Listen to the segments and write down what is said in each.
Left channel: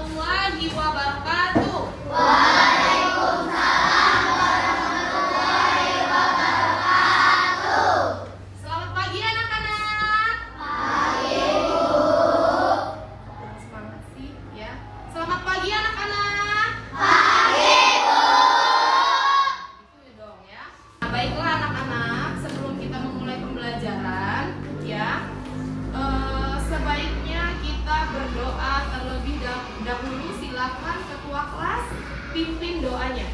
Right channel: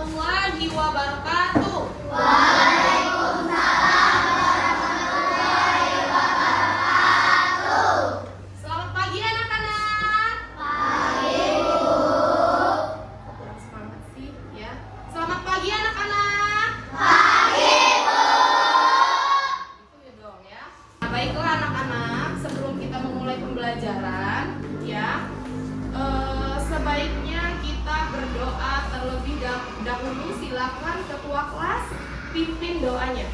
warahmatullahi wabarakatuh. Selamat pagi anak-anak. Kurang semangat sih ya. Selamat pagi anak-anak. Itu ya dong ya. Nah, baiklah anak-anak, sebelum kita memulai pembelajaran ya, sebaiknya kita berdoa terlebih dahulu. Silakan ketua kelas pimpin doanya.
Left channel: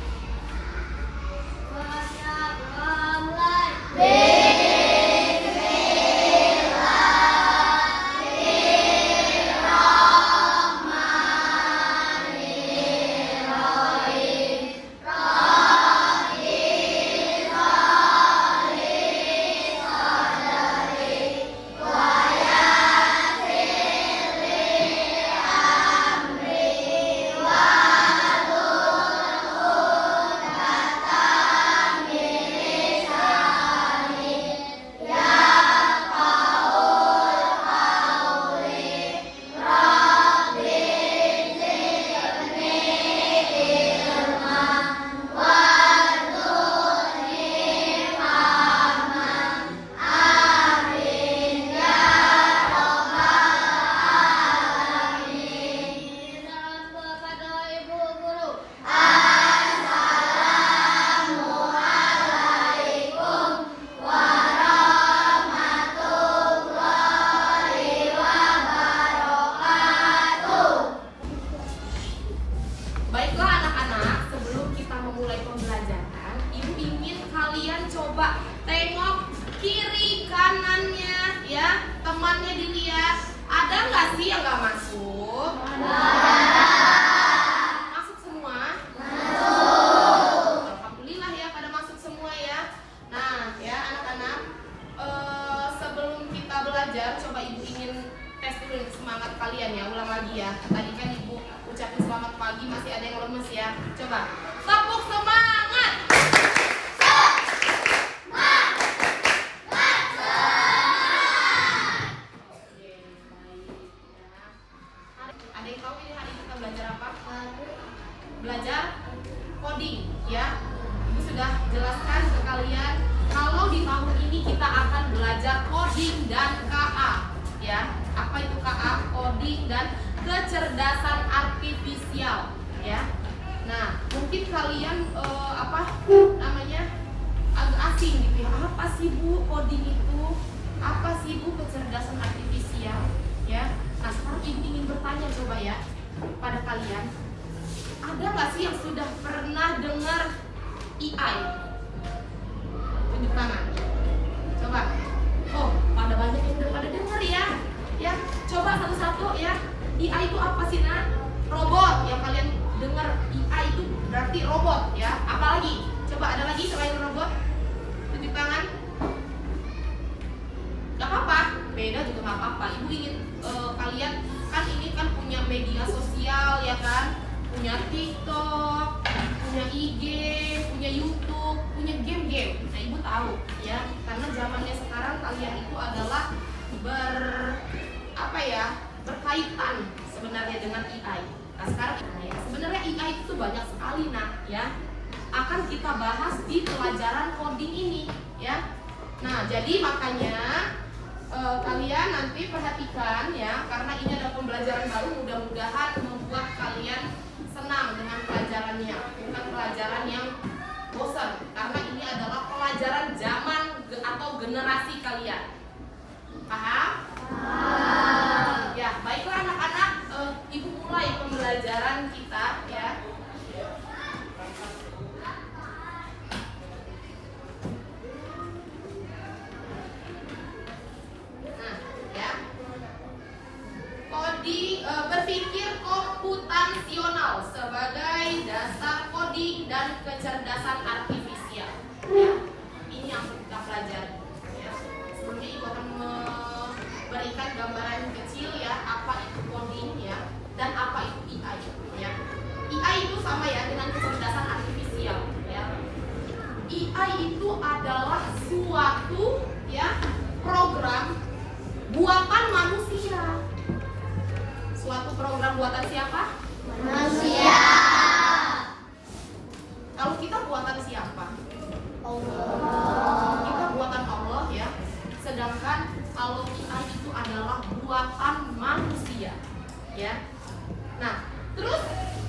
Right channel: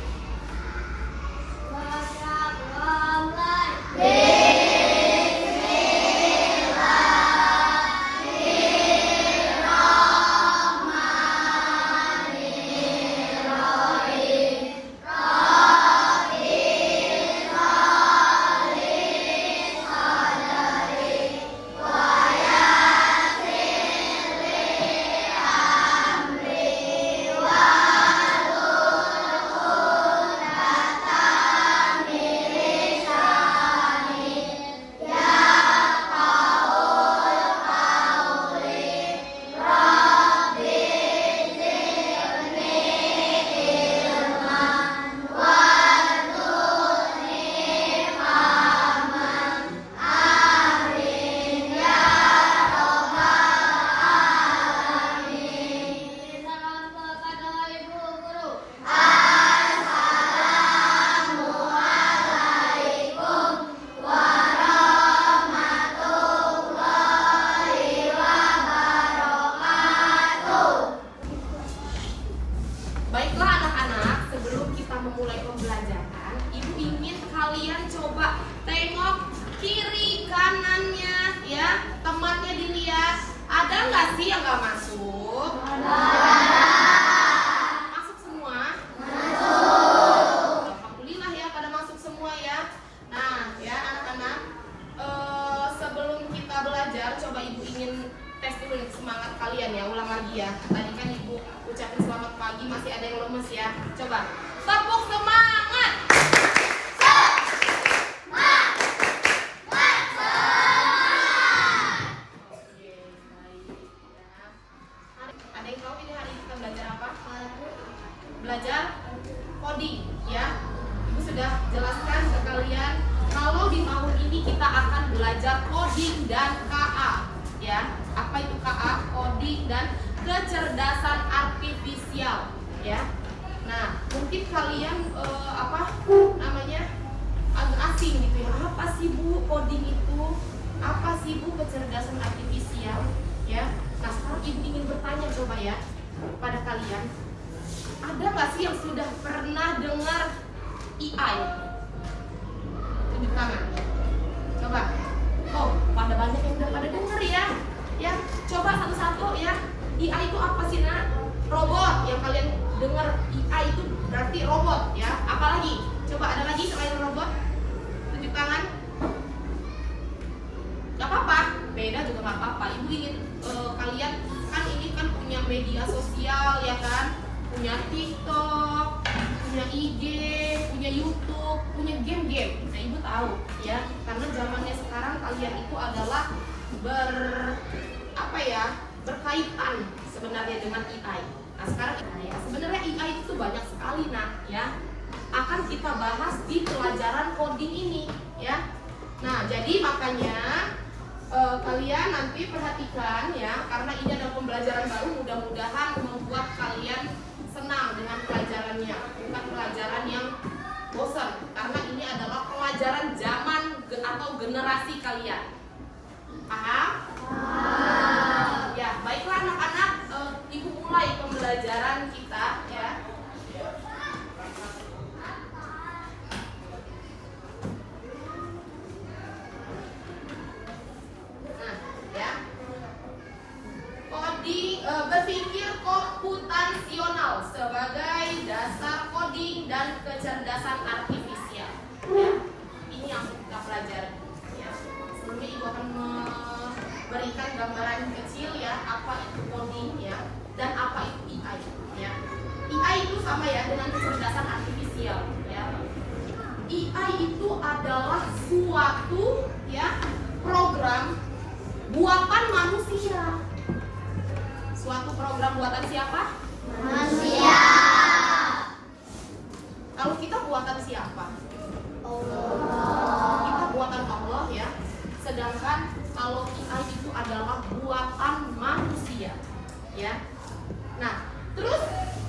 Baiklah anak-anak, sebelum kita memulai pembelajaran, Ibu ingin kalian coba tengok kiri kanannya ya, temannya dilihat. Ada nggak sih yang nggak masuk? Masuk semua? Alhamdulillah ya, pada masuk semua ya. Nah ya anak-anak, sebelum kita belajar, coba Ibu ingin tes dulu nih semangat kalian ya. Ulang lagi ya. Tadi kan Ibu ucapin selamat pagi, masih ada yang lemes ya. Coba tepuk semangat. Oke, baik ya. Ada yang tahu ini hari ini kita belajar apa? Belajar coding ya. Ibu sudah jelaskan ke kalian kalau di tahun ini kita akan belajar coding dan KA ya. Apa itu KA? Coding dan kecerdasan artifisial ya. Nah, mungkin kalian agak asing gitu ya. Apa sih Bu coding itu? Apa sih Bu kecerdasan artifisial ya? Nah, sekarang Ibu ingin bertanya coba ya pada kalian. Ada nggak sih yang sudah pernah dengar AI? Tunjuk tangan. Coba. Oh, pada banyak yang udah pada dengar ya. Ya, coba satu-satu ya. AI itu apa sih nak? Robot. Yang kalian dengar AI itu berarti robot ya. Apalagi? Coba ada lagi selain robot? Tunjuk tangan. Gak apa-apa. Beda juga gak apa-apa. Ibu ingin kalian kan ini kan punya media sosial ya kan? Punya TikTok, punya IG, punya YouTube, punya game-game. Nah Ibu tahu ya. Karena zamannya sekarang kalian itu adalah berkaitan sebenarnya dengan AI. Nah sekarang ya, sebenarnya AI itu banyak sekali nak ya. Akan kita bahas di pelajaran coding ini ya. Nah jadi makanya kalian nanti perhatikan ya, karena ini adalah pembelajaran baru, mudah-mudahan membuat kalian senang dengan pelajarannya, bukan pelajaran yang bosan, karena ini adalah pelajaran zaman atau generasi kalian. Paham? Ya, baiklah anak-anak, Ibu mulai pembelajaran kita ya. Nah, ya. Berpikir komputasional sebagai dasar coding dan kecerdasan artifisial. Ya, ini yang kita pelajari. Ya. Sebelumnya Ibu akan berikan gambaran kecil ya, apa itu coding ya, dan apa itu AI ya. AI itu sama ya dengan kecerdasan artifisial ya. AI itu adalah suatu ya program buatan manusia. Suatu program buatan siapa? buatan manusia, ya. Nah, terus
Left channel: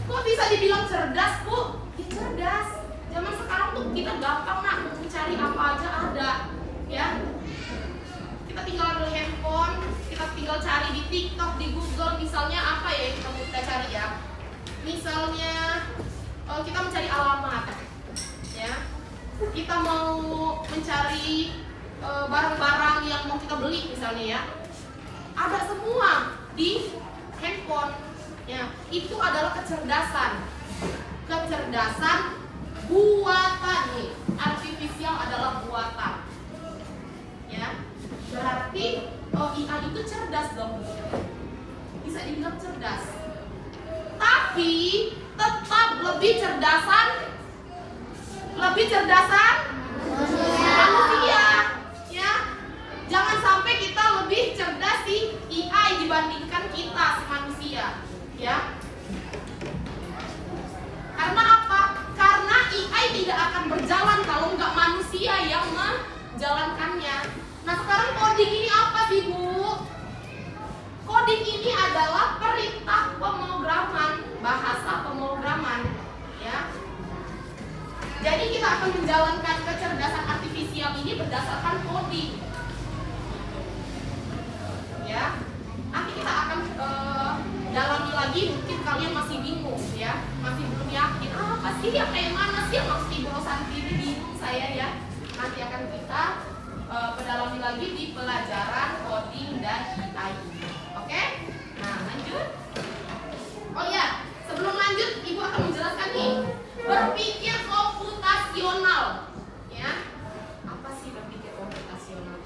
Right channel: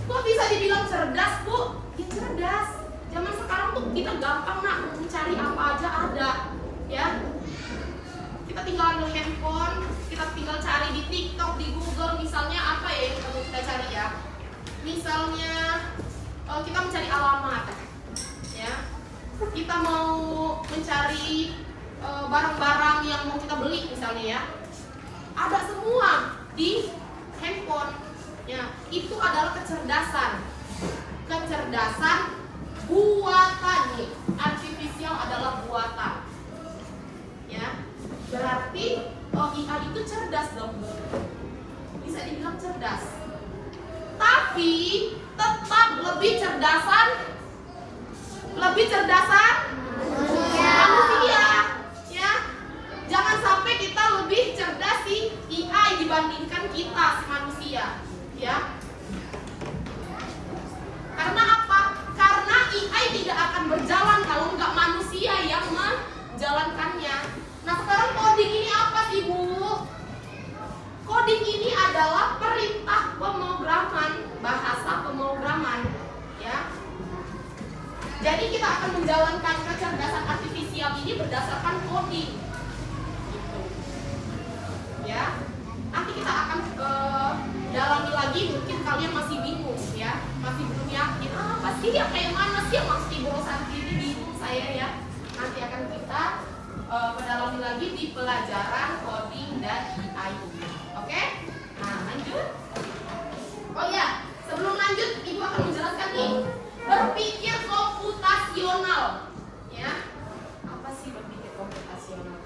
kok bisa dibilang cerdas, Bu? Ya cerdas. Zaman sekarang tuh kita gampang nak mencari apa aja ada, ya. Kita tinggal ambil handphone, kita tinggal cari di TikTok, di Google, misalnya apa ya yang kita cari ya. Misalnya kita mencari alamat, ya. Kita mau mencari barang-barang yang mau kita beli misalnya ya. Ada semua di handphone. Ya, itu adalah kecerdasan. Kecerdasan buatan nih. Artificial adalah buatan. Ya. Berarti IA itu cerdas dong. Bisa dibilang cerdas. Tapi tetap lebih cerdasan manusia, ya. Jangan sampai kita lebih cerdas si AI dibandingkan kita si manusia, ya. Karena apa? Karena AI tidak akan berjalan kalau nggak manusia yang menjalankannya. Nah, sekarang coding ini apa sih, Bu? Coding ini adalah perintah pemrograman, bahasa pemrograman, ya. Jadi kita akan menjalankan kecerdasan artifisial ini berdasarkan coding, gitu. Ya. Nanti kita akan dalami lagi, mungkin kalian masih bingung, ya, masih belum yakin. Apa sih yang kayak mana sih yang maksud Ibu Rosanti ini, bingung saya ya. Nanti akan kita mendalami lagi di pelajaran coding dan AI. Oke? Nah, lanjut. Oh ya, sebelum lanjut, Ibu akan menjelaskan nih. Berpikir komputasional, ya. Apa sih berpikir komputasional?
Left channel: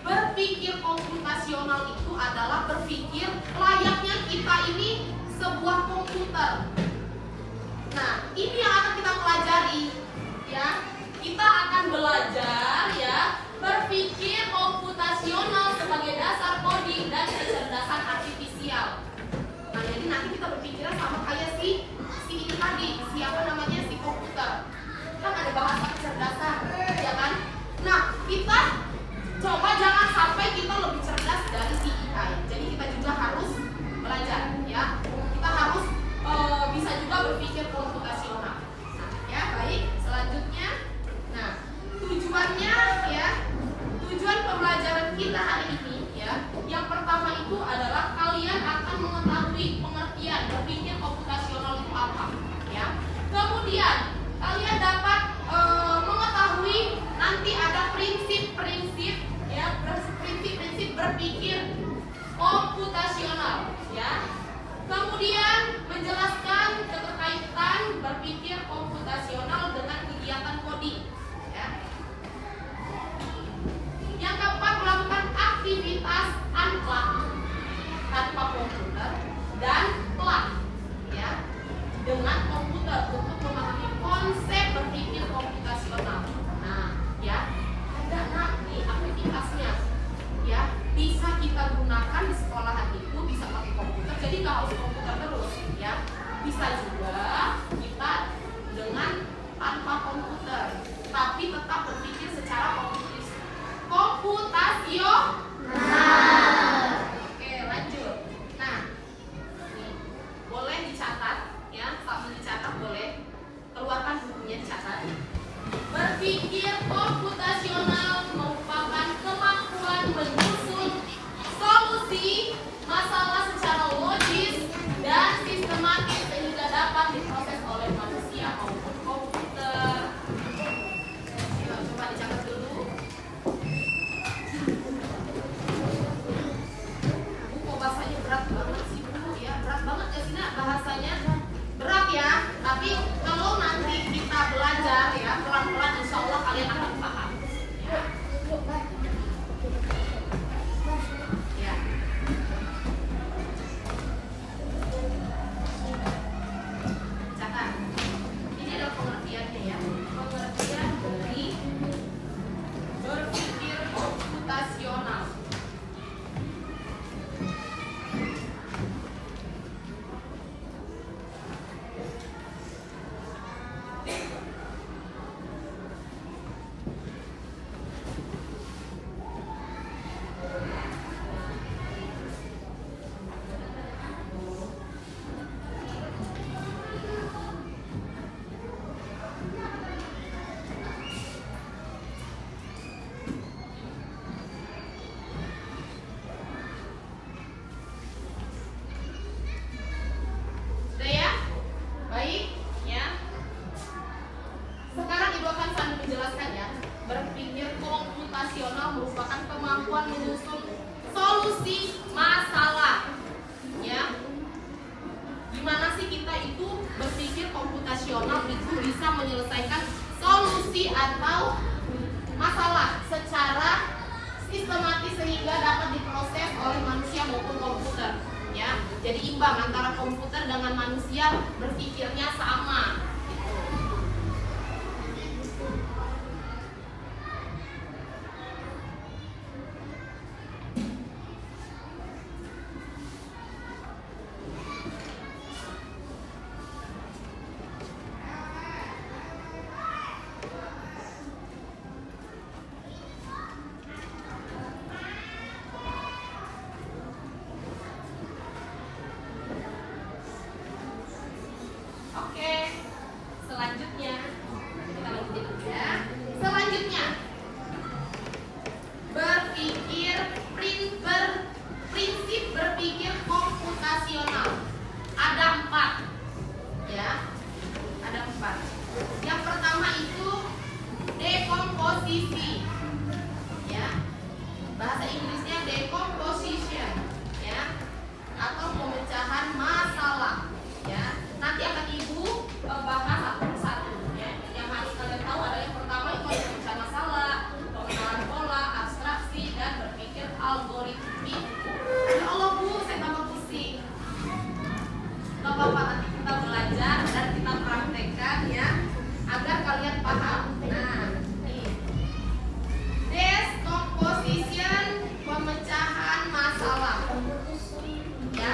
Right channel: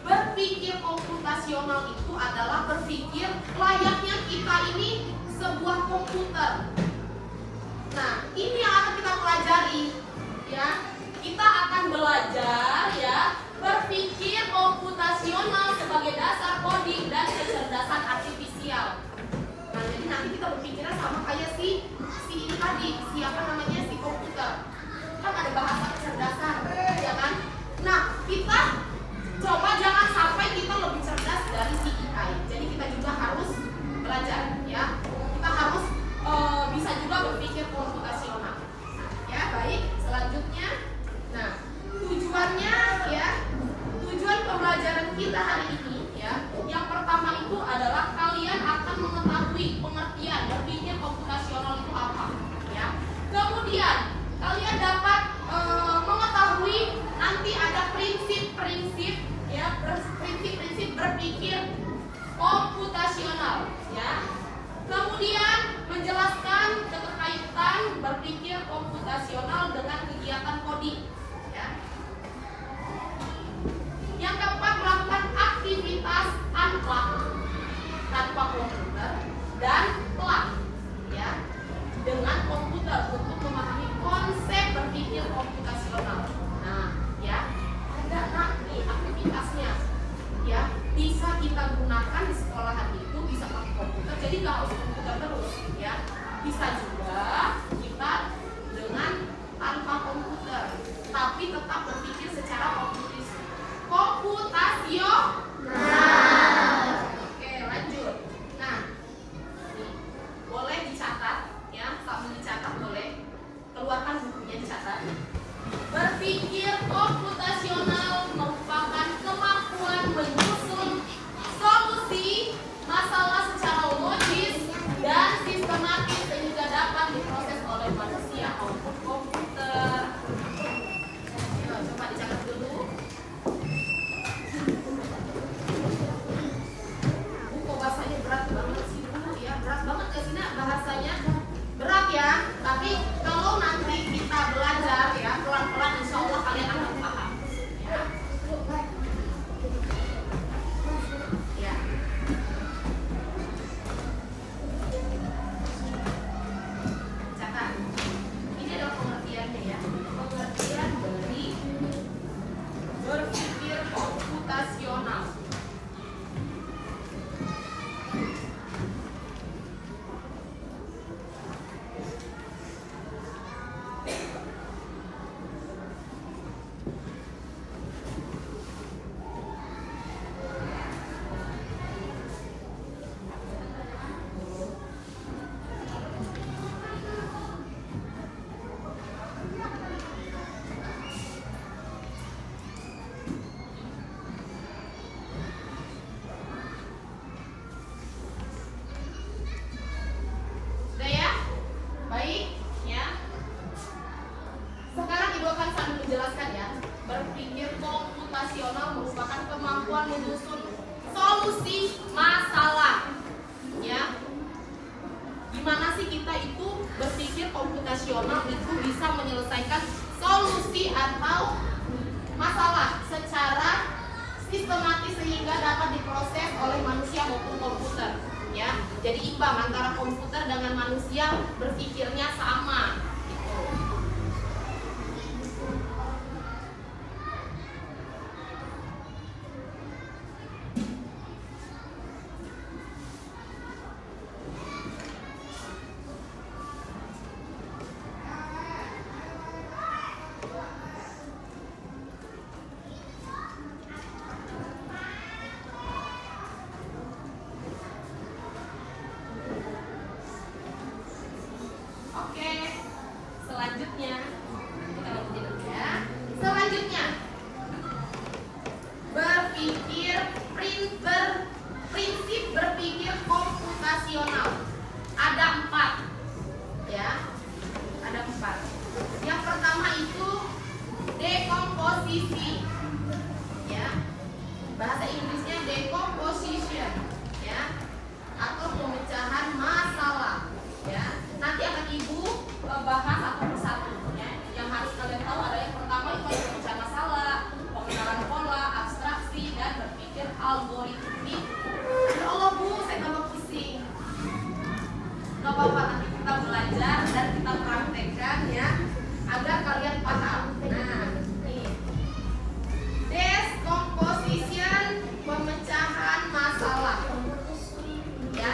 Berpikir komputasional itu adalah berpikir layaknya kita ini sebuah komputer. Nah, ini yang akan kita pelajari, ya. Kita akan belajar, ya, berpikir komputasional sebagai dasar coding dan kecerdasan artifisial. Nah, jadi nanti kita berpikirnya sama kayak si ini tadi, siapa namanya, si komputer. Kan ada bahasa kecerdasan, ya kan? Nah, kita coba jangan sampai kita lebih cerdas dari si AI. Jadi kita juga harus belajar, ya. Kita harus bisa juga berpikir komputasional. Nah, ya, baik. Selanjutnya, nah, tujuannya, ya, tujuan pembelajaran kita hari ini, ya, yang pertama itu adalah kalian akan mengetahui pengertian berpikir komputasional itu apa, ya. Kemudian kalian dapat mengetahui nanti ada prinsip-prinsip, ya, prinsip-prinsip berpikir komputasional, ya. Kemudian menjelaskan keterkaitan berpikir komputasional dengan kegiatan coding, ya. Yang keempat, melakukan aktivitas tanpa komputer dan pelan, ya, dengan komputer untuk memahami konsep berpikir komputasional. Nah, ya, ada nanti aktivitasnya, ya, bisa kita gunakan di sekolahan itu bisa pakai komputer, jadi nggak harus komputer terus, ya. Bisa juga kita dengan tanpa komputer, tapi tetap berpikir secara komputasional. Oke, lanjut. Nah, nih, boleh dicatat, ya, sambil dicatat boleh. Keluarkan bukunya, dicatat. Berpikir komputasional merupakan kemampuan menyusun solusi masalah secara logis dan sistematis sehingga dapat diproses cuci atau masalah secara sistematis sehingga dapat diproses oleh manusia maupun komputer, ya. Jadi imbang antara komputer dengan manusia berpikirnya sama. Gitu. Oke, selanjutnya kita lanjutin dulu ya. Selanjutnya, prinsip berpikir komputasional. Ada 4, ya. Ada 4. Yang pertama itu dekomposisi, ya. Bahasa Inggrisnya decomposition, ya, atau pemecahan masalah, ya. Nanti akan Ibu bahas satu persatu, ya. Yang harus kalian tahu ada yang pertama itu ada pemecahan masalah, pengenalan pola, abstraksi, dan berpikir algoritmik. Ya Allah Bu, saya tambah pusing. Gak apa-apa, nanti kita belajar dan kita praktekkan, ya, agar kalian paham. Nah, nih, decomposition, pemecahan masalah, ya.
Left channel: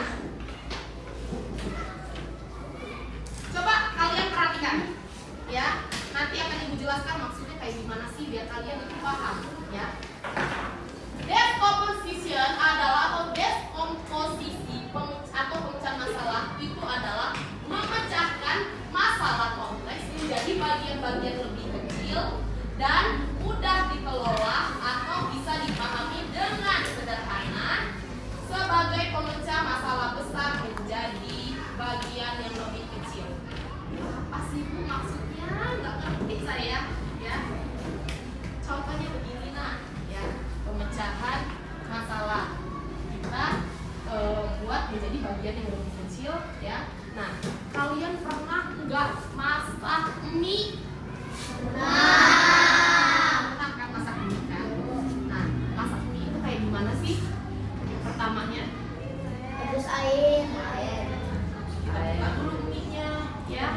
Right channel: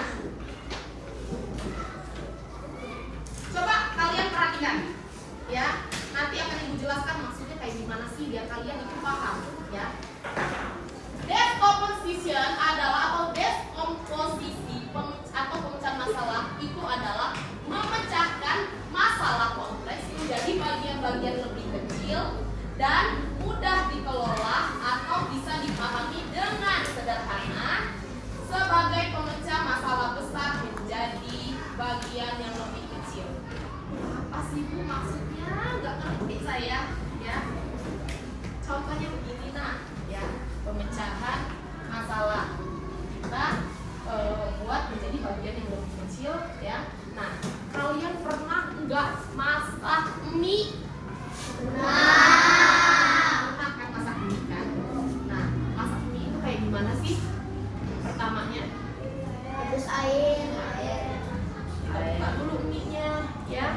Coba kalian perhatikan, ya. Nanti akan Ibu jelaskan maksudnya kayak gimana sih biar kalian itu paham, ya. Decomposition adalah atau decomposisi atau pemecahan masalah itu adalah memecahkan masalah kompleks menjadi bagian-bagian lebih kecil dan mudah dikelola atau bisa dipahami dengan sederhana sebagai pemecah masalah besar menjadi bagian yang lebih kecil. Apa sih Bu maksudnya? Nggak ngerti saya, ya. Contohnya begini nah, ya, pemecahan masalah kita buat menjadi bagian yang lebih kecil, ya. Nah, kalian pernah nggak masak mie? Pernah kan masak mie kan? Nah, masak mie itu kayak gimana sih? Pertamanya Rebus air. kita buka dulu mie-nya, ya.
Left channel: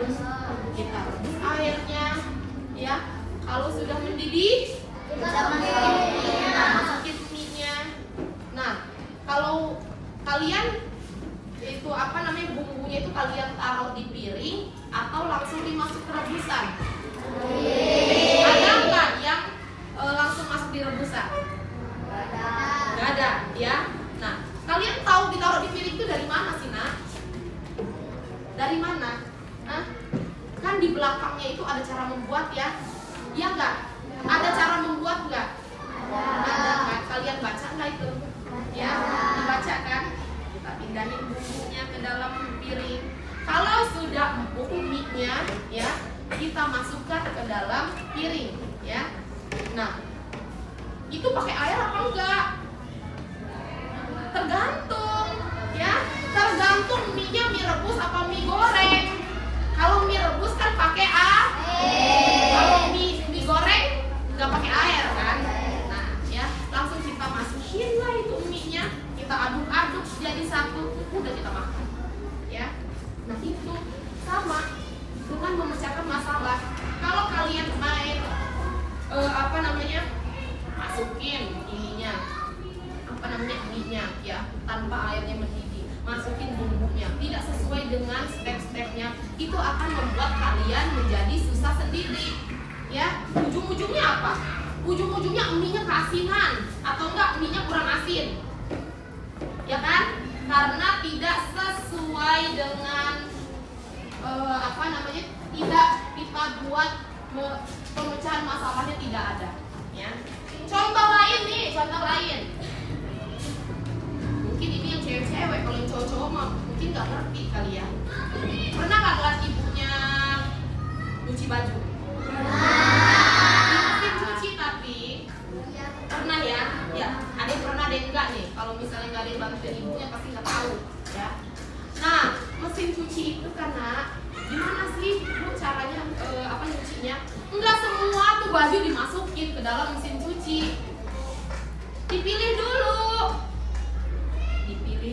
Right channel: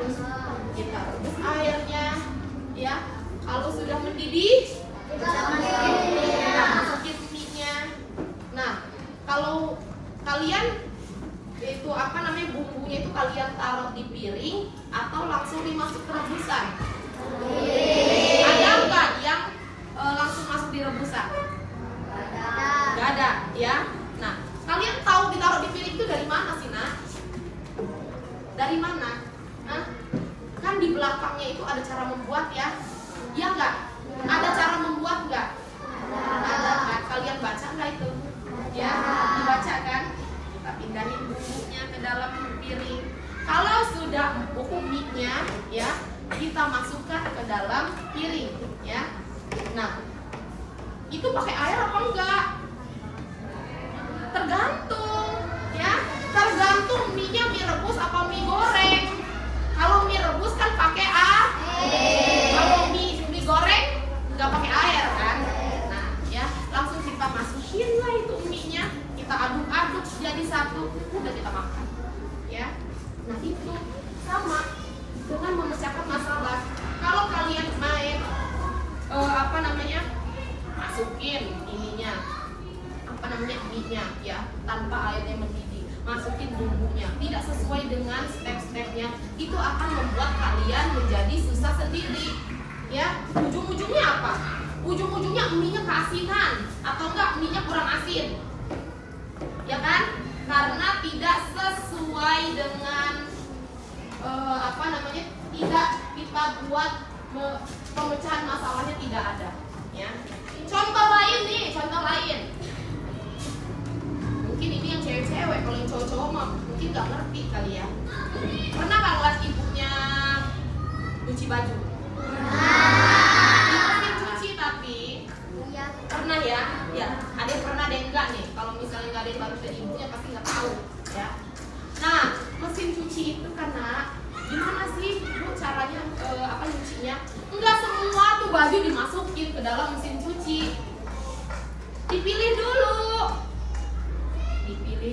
Kita rebus airnya, ya. Kalau sudah mendidih, kita masukin mie-nya. Nah, kalau kalian itu bumbunya itu kalian taruh di piring atau langsung dimasuk ke rebusan? Ada nggak yang langsung masuk di rebusan? Nggak ada, ya. Nah, kalian tahu ditaruh di piring itu dari mana sih, Nak? Dari mana? Hah? Kan di belakangnya itu ada cara membuat, ya. Iya nggak? Ada cara membuat nggak? Ada kan? Kalian baca nggak itu? Ya, dibaca kan? Kita pindahin bumbunya ke dalam piring. Kalau sudah empuk mie-nya, ya, kita masukkan ke dalam piring, ya. Nah, itu pakai air apa enggak? Tergantung, ya. Tergantung mie-nya mie rebus apa mie goreng. Kalau mie rebus kan pakai air. Kalau mie goreng nggak pakai air kan? Nah, ya, langsung kita masukin lah itu mie-nya, kita aduk-aduk jadi satu, udah kita makan, ya. Nah, itu sama dengan memecahkan masalah. Kalau kalian main masukin ininya mie-nya, ya, tanpa airnya mendidih, masukin bumbunya tidak sesuai dengan step-stepnya, itu akan membuat kalian menjadi susah sendiri, ya. Ujung-ujungnya apa? Ujung-ujungnya mie-nya keasinan atau enggak mie-nya kurang asin, ya kan? Karena tidak sesuai dengan tidak kita buat pemecahan masalahnya tidak ada, ya. Contoh lain. Mungkin ini yang cewek-cewek, kalau yang cowok-cowok mah mungkin nggak ngerti kali ya. Pernah nggak ngeliat ibunya nyuci baju? Di mesin cuci tapi pernah ya? Ya, ada yang pernah, ada yang enggak nih. Kalau misalnya nggak ada yang bantu ibunya pasti nggak tahu, ya. Nah, mesin cuci itu karena gimana sih Bu caranya nyucinya? Enggak semua tuh baju dimasukin ke dalam mesin cuci. Dipilih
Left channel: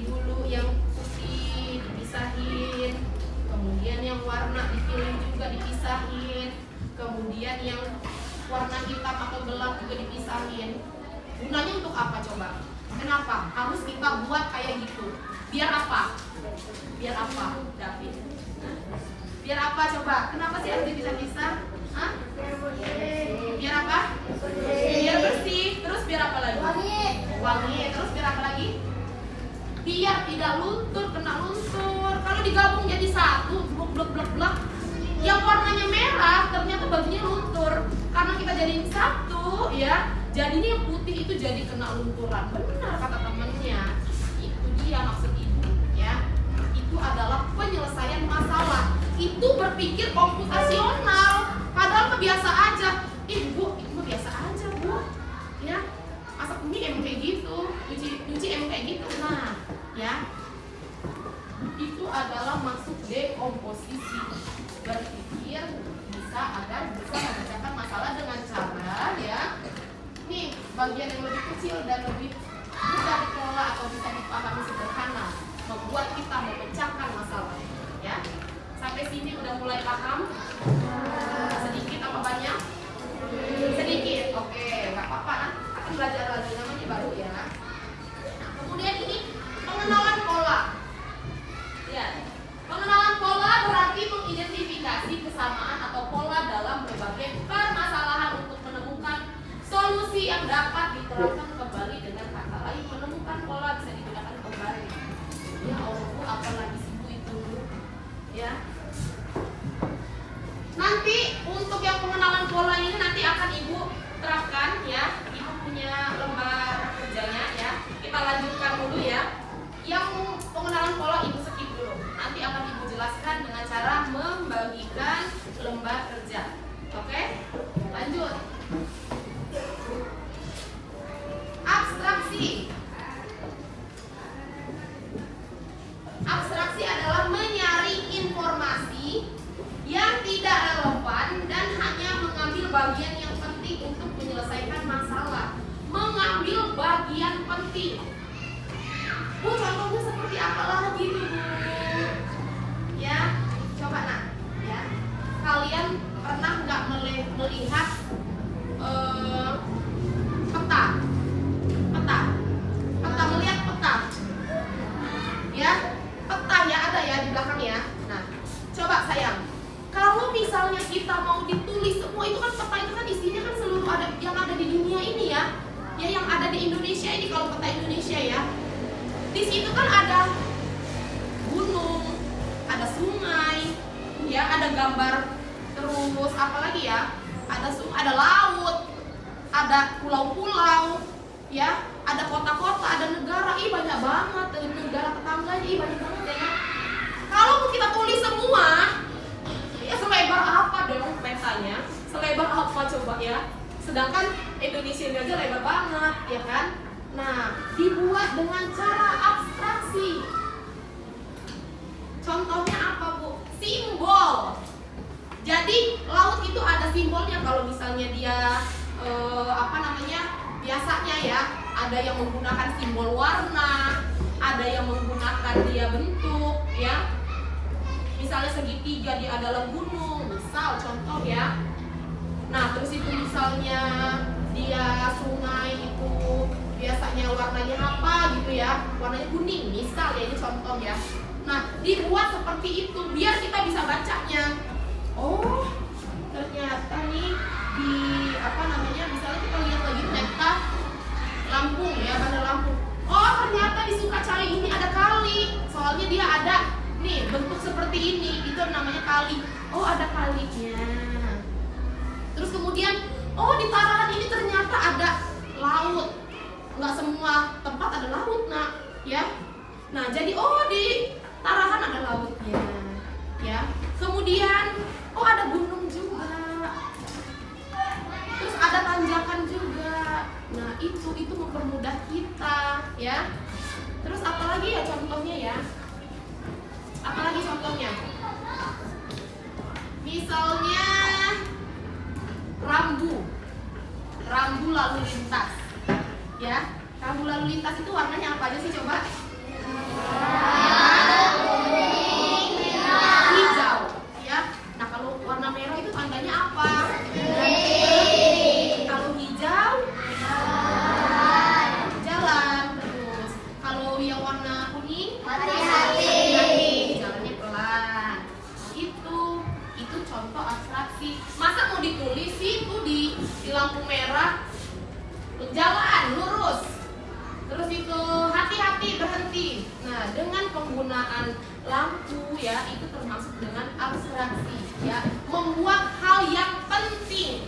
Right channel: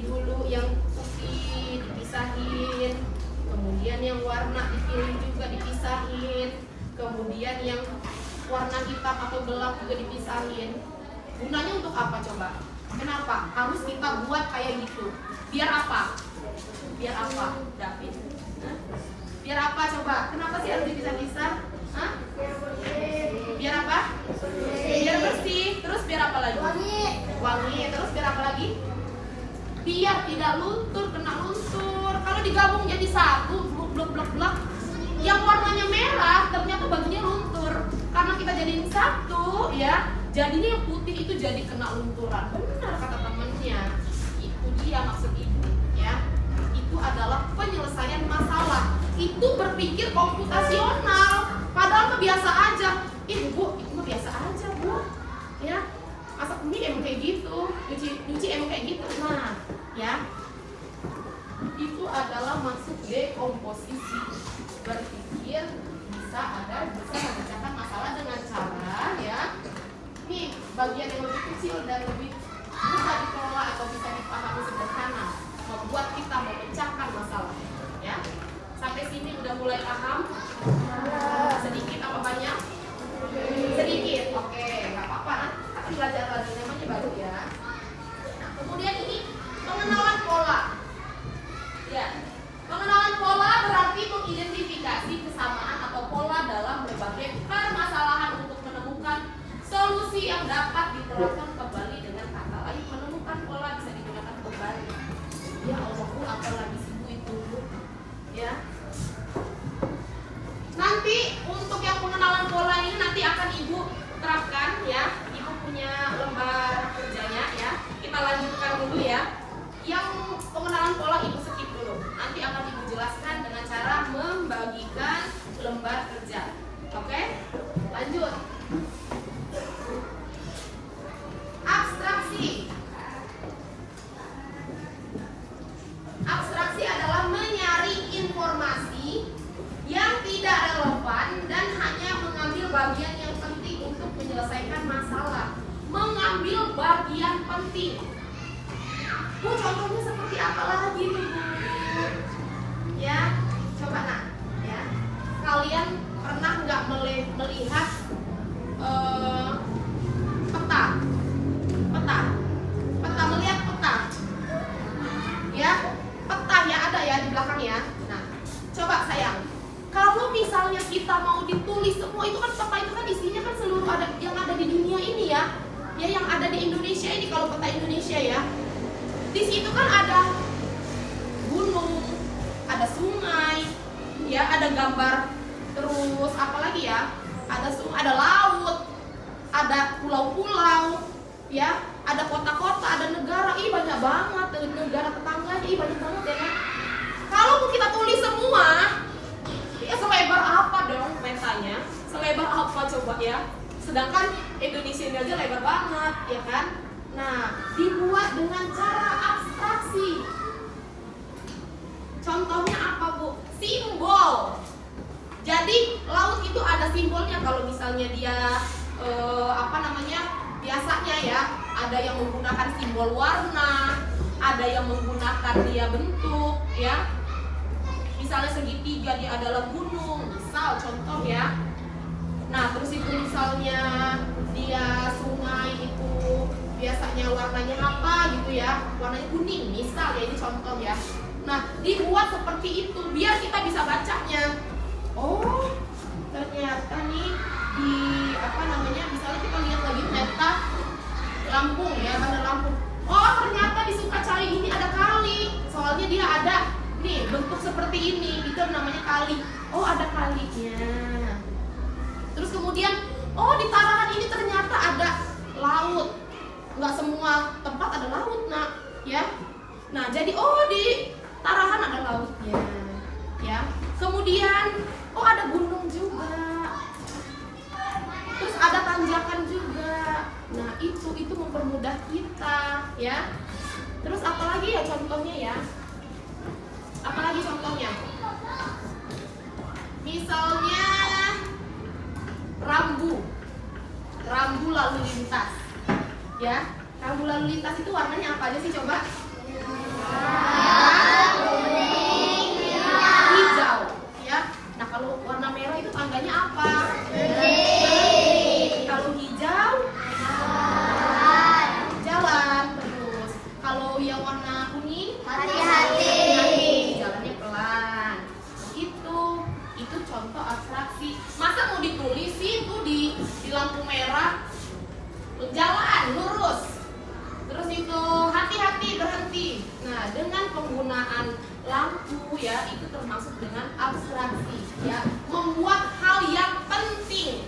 dulu yang putih dipisahin, kemudian yang warna dipilih juga dipisahin, kemudian yang warna hitam atau gelap juga dipisahin. Gunanya untuk apa coba? Kenapa harus kita buat kayak gitu? Biar apa? Biar apa, David? Hah? Biar apa coba? Kenapa sih harus dipisah-pisah? Hah? Biar apa? Biar bersih. Terus biar apa lagi? Wangi. Terus biar apa lagi? Biar tidak luntur, kena luntur. Kalau digabung jadi satu, blok, yang warnanya merah ternyata bajunya luntur. Karena kita jadiin satu, ya, jadinya yang putih itu jadi kena lunturan. Benar kata temennya. Itu dia maksud ibu, ya. Itu adalah penyelesaian masalah. Itu berpikir komputasional. Padahal mah biasa aja. Bu, itu mah biasa aja, Bu. Ya, masak mie emang kayak gitu, nyuci emang kayak gitu. Nah, ya, itu adalah masuk dekomposisi. Berpikir bisa memecahkan masalah dengan cara, ya, nih bagian yang lebih kecil dan lebih mudah dikelola atau bisa dipahami sederhana, membuat kita memecahkan masalah. Ya, sampai sini udah mulai paham? Sedikit apa banyak? Sedikit. Oke, nggak apa-apa. Akan belajar lagi, namanya baru ya. Nah, kemudian ini pengenalan pola. Ya, pengenalan pola berarti mengidentifikasi kesamaan atau pola dalam berbagai permasalahan untuk menemukan solusi yang dapat diterapkan kembali. Dengan kata lain, menemukan pola bisa digunakan kembali. Ya Allah, Bu, apalagi sih Bu itu, Bu? Ya. Nanti untuk yang pengenalan pola ini nanti akan Ibu terapkan, ya. Ibu punya lembar kerjanya, ya. Kita lanjutkan dulu, ya. Yang pengenalan pola Ibu skip dulu. Nanti akan Ibu jelaskan dengan cara membagikan lembar kerja. Oke? Lanjut. Abstraksi. Abstraksi adalah menyaring informasi yang tidak relevan dan hanya mengambil bagian yang penting untuk menyelesaikan masalah. Mengambil bagian penting. Bu, contohnya seperti apa lagi Bu? Ya, coba nak, ya. Kalian pernah nggak melihat peta, melihat peta, ya, peta ya ada ya di belakang ya. Nah, coba sayang, kalau misalnya kita mau ditulis semua itu kan peta itu kan isinya kan seluruh yang ada di dunia ini ya, yang ada di Indonesia ini kalau peta Indonesia ya. Di situ kan ada gunung, ada sungai, ya, ada gambar, terus apa lagi ya? Ada laut, ada pulau-pulau, ya, ada kota-kota, ada negara. Ih, banyak banget, negara tetangganya, ih banyak banget ya. Kalau kita tulis semua, ya selebar apa dong petanya? Selebar apa coba ya? Sedangkan Indonesia ini aja lebar banget, ya kan? Nah, dibuat dengan cara abstraksi. Contohnya apa Bu? Simbol. Jadi laut itu ada simbolnya. Kalau misalnya dia biasanya ya ada yang menggunakan simbol warna, ada yang menggunakan dia bentuk, ya. Misalnya segitiga dia adalah gunung, misal contoh ya. Nah, terus itu misalnya dia sungai itu biasanya warnanya apa gitu ya, warnanya kuning misal ya, ini contoh ya. Nah, dibuat seperti itu biar kita bisa bacanya. Oh, ternyata nih di misalnya kita lihat lagi peta Lampung ya, Bandar Lampung. Oh, ternyata di Sukacari ini ada kali, soalnya dia ada nih bentuk seperti ini, itu namanya kali. Oh, ada kalinya. Terus kemudian, oh di Tarahan ini ternyata ada laut. Nggak semua tempat ada laut, nak, ya. Nah, jadi oh di Tarahan ada lautnya, ya. Kemudian, oh ada gunung juga. Terus ada tanjakan juga. Nah, itu mempermudah kita, ya. Terus apalagi ya contohnya ya? Apalagi contohnya? Misalnya rambu lalu lintas, ya. Rambu lalu lintas itu warnanya apa aja sih coba? Hijau, ya. Nah kalau warna merah itu tandanya apa? Kalau hijau, jalan terus. Kalau yang warna kuning, hati-hati, jalannya pelan. Itu contoh abstraksi. Masa mau ditulis sih itu di lampu merah, jalan lurus. Terus itu hati-hati, berhenti. Nah, dengan penggunaan lampu ya, itu termasuk dengan abstraksi ya, membuat hal yang penting.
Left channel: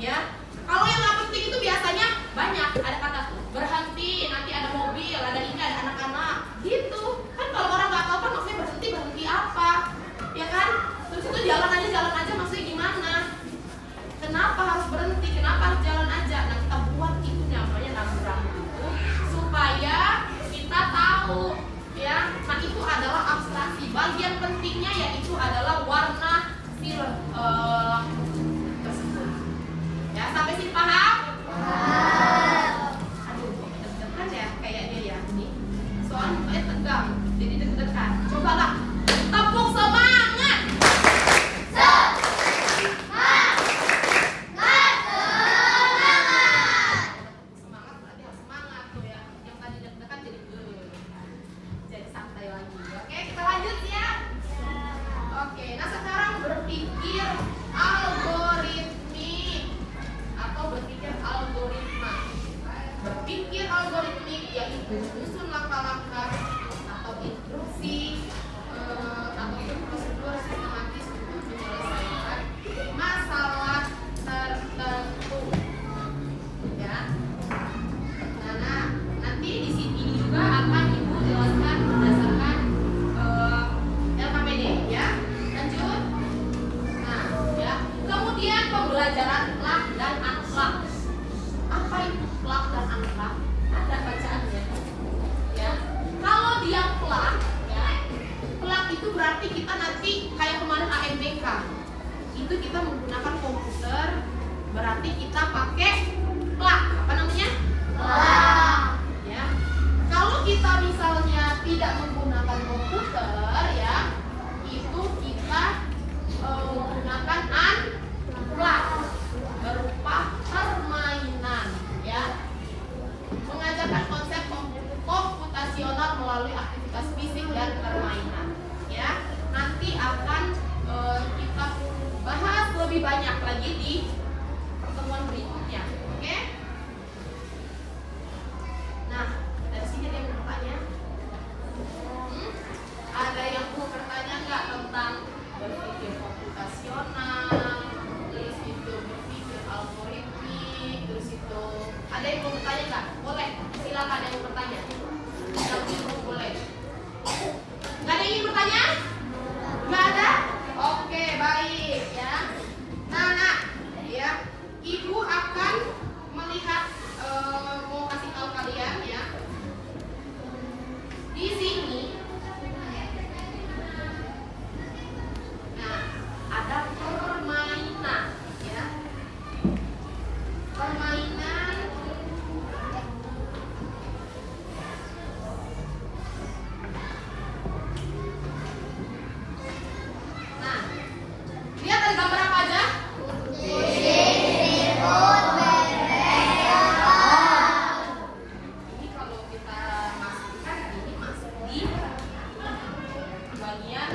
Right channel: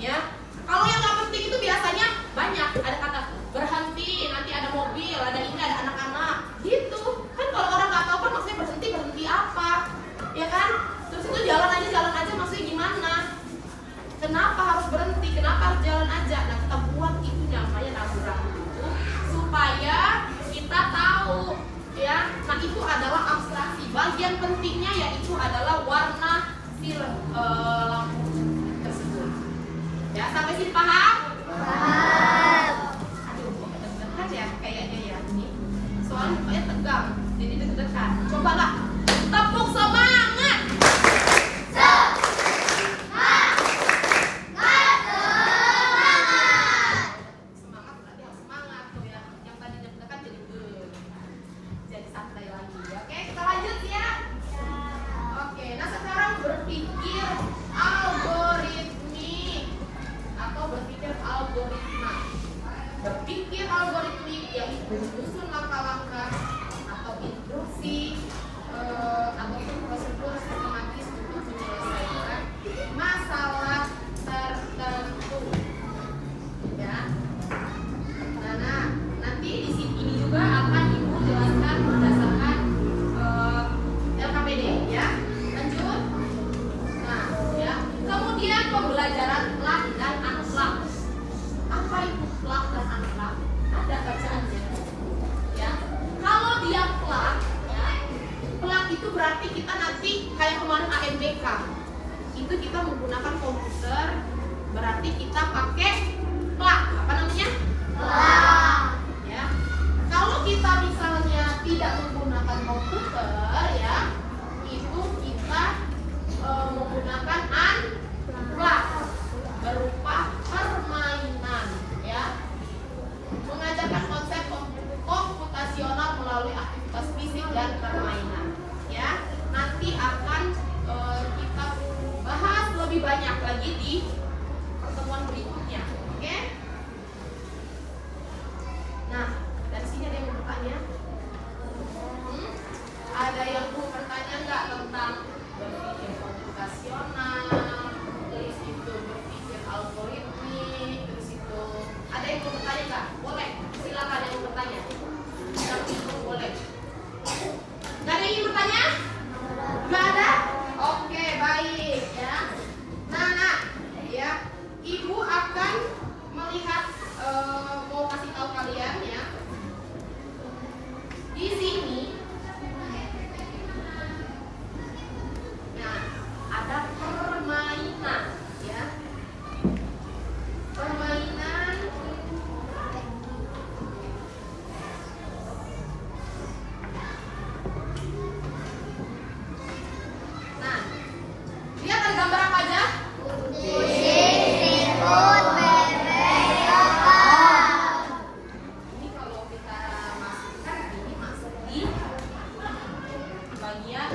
Ya. Kalau yang nggak penting itu biasanya banyak, ada kata berhenti, nanti ada mobil, ada ini, ada anak-anak. Gitu. Kan kalau orang nggak tahu kan maksudnya berhenti apa? Ya kan? Terus itu jalan aja maksudnya gimana? Kenapa harus berhenti? Kenapa harus jalan aja? Nah, kita buat itu namanya rambu-rambu itu supaya kita tahu ya. Nah, itu adalah abstraksi. Bagian pentingnya yaitu adalah warna lampu tersebut. Ya, sampai sini paham? Aduh, kok deg-degan ya kayaknya ya ini. Soalnya mukanya tegang, jadi deg-degan. Coba lah, tepuk semangat. Semangat berarti harus semangat tuh ya. Yang tadi deg-degan jadi santai lagi. Oke, kita lanjut ya. Oke, nah sekarang berpikir algoritmik atau berpikir algoritma. Berpikir algoritmik yaitu menyusun langkah-langkah atau instruksi ataupun prosedur sistematis untuk menyelesaikan masalah tertentu. Ya. Nah, nanti di sini juga akan Ibu jelaskan berdasarkan LKPD ya. Lanjut. Nah, ya. Kemudian pembelajaran plak dan unplak. Apa itu plak dan unplak? Ada bacaannya. Ya. Kalau dia plak, ya. Plak itu berarti kita nanti kayak kemarin AMBK. Itu kita menggunakan komputer, berarti kita pakai plak. Apa namanya? Plak. Ya. Kalau kita misalnya tidak menggunakan komputer ya, itu kita menggunakan unplak berupa permainan ya. Mengajarkan konsep komputasional melalui aktivitas fisik dan permainan ya. Nanti akan kita bahas lebih banyak lagi di pertemuan berikutnya. Oke? Nah, dari sini ada yang mau bertanya? Ada yang mau bertanya nggak tentang berpikir komputasional, terus itu berpikir algoritmik, terus itu ada yang mau bertanya nggak? Boleh, silakan yang mau bertanya. Nanti boleh. Nggak ada yang ingin bertanya? Nggak ada? Oke, baik ya. Nah, ya, Ibu akan melihat mau kasih tahu kalian ya. Di sini, nah, ada permainan ya. Permainan. Nah, lihat ada gambar apa aja? Ini kalau kita masukkan, ini masuk di bagian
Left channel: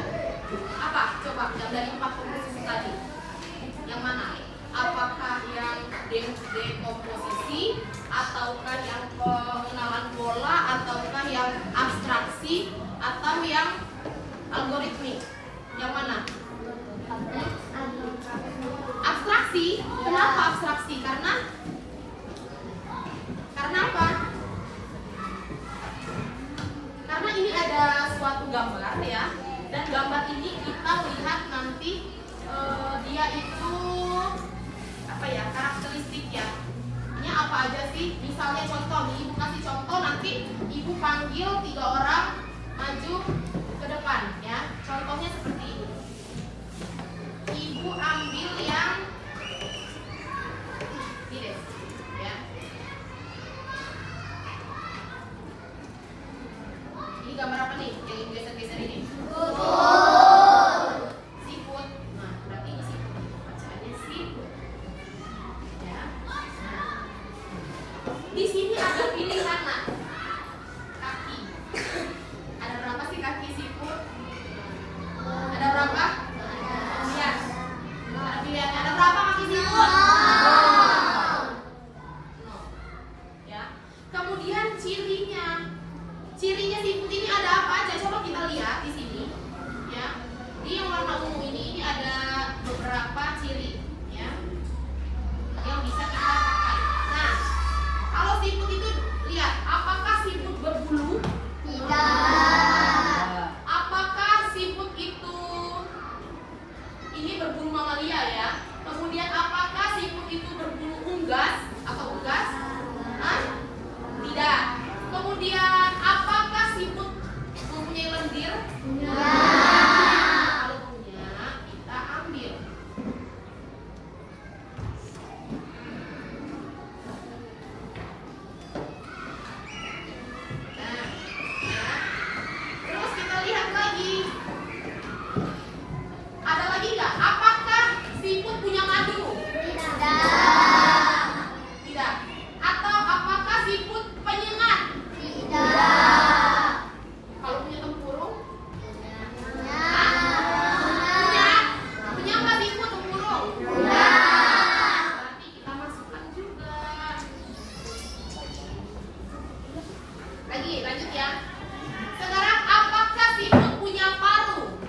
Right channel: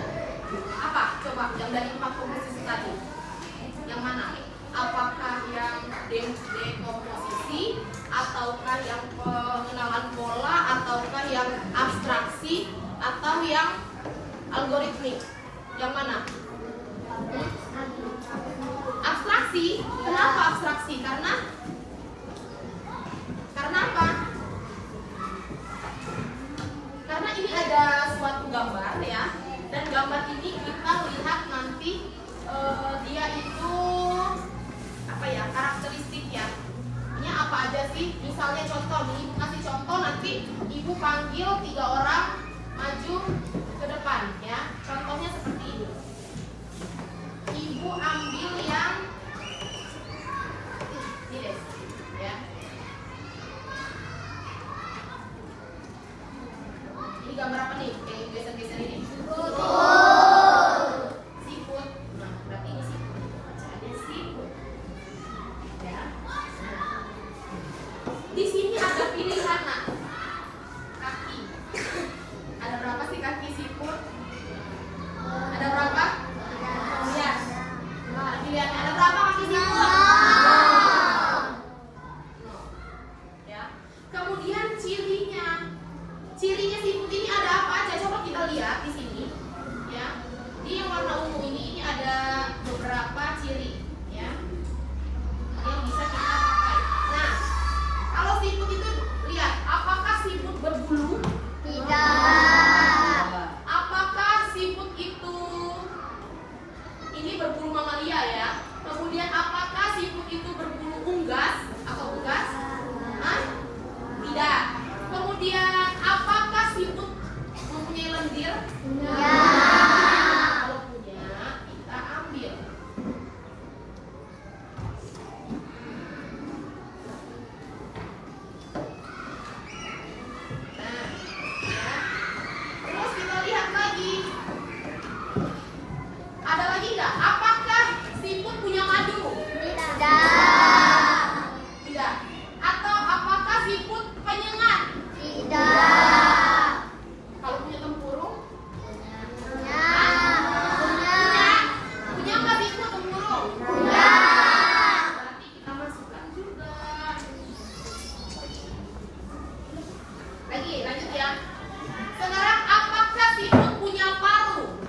apa? Coba yang dari 4 komposisi tadi. Yang mana? Apakah yang dekomposisi, ataukah yang pengenalan pola, ataukah yang abstraksi, atau yang algoritmik? Yang mana? Abstraksi. Kenapa abstraksi? Karena apa? Karena ini ada suatu gambar ya, dan gambar ini kita lihat nanti dia itu apa ya, karakteristik ya. Ini apa aja sih? Misalnya contoh nih, Ibu kasih contoh, nanti Ibu panggil 3 orang maju ke depan ya. Contohnya seperti ini. Ibu ambil yang ini deh, ya. Ini gambar apa nih? Yang geser-geser ini? Siput. Nah, berarti ini siput. Bacaannya siput. Ya. Nah. Di sini ada pilihan, nak. Kaki. Ada berapa sih kaki siput? Ada berapa? Ya. Nah, pilihan ada berapa kaki siput? Ya. Kemudian cirinya. Cirinya siput ini ada apa aja? Coba kita lihat di sini. Ya. Di yang warna ungu ini ada beberapa ciri, ya. Yang bisa kita pakai. Nah, kalau siput itu lihat, apakah siput berbulu? Tidak. Apakah siput itu ini berbulu mamalia ya? Kemudian apakah siput itu berbulu unggas atau unggas? Hah? Tidak. Kemudian apakah siput mempunyai lendir? Kalau punya, kita ambil. Nah, ya. Terus kita lihat lagi. Ada lagi nggak? Apakah siput punya madu? Tidak. Tidak. Atau apakah siput penyengat? Tidak. Kalau punya tempurung? Punya. Punya nggak siput tempurung? Punya. Berarti kita masukkan juga. Lagi, lanjut ya. Sekarang apakah siput punya paru?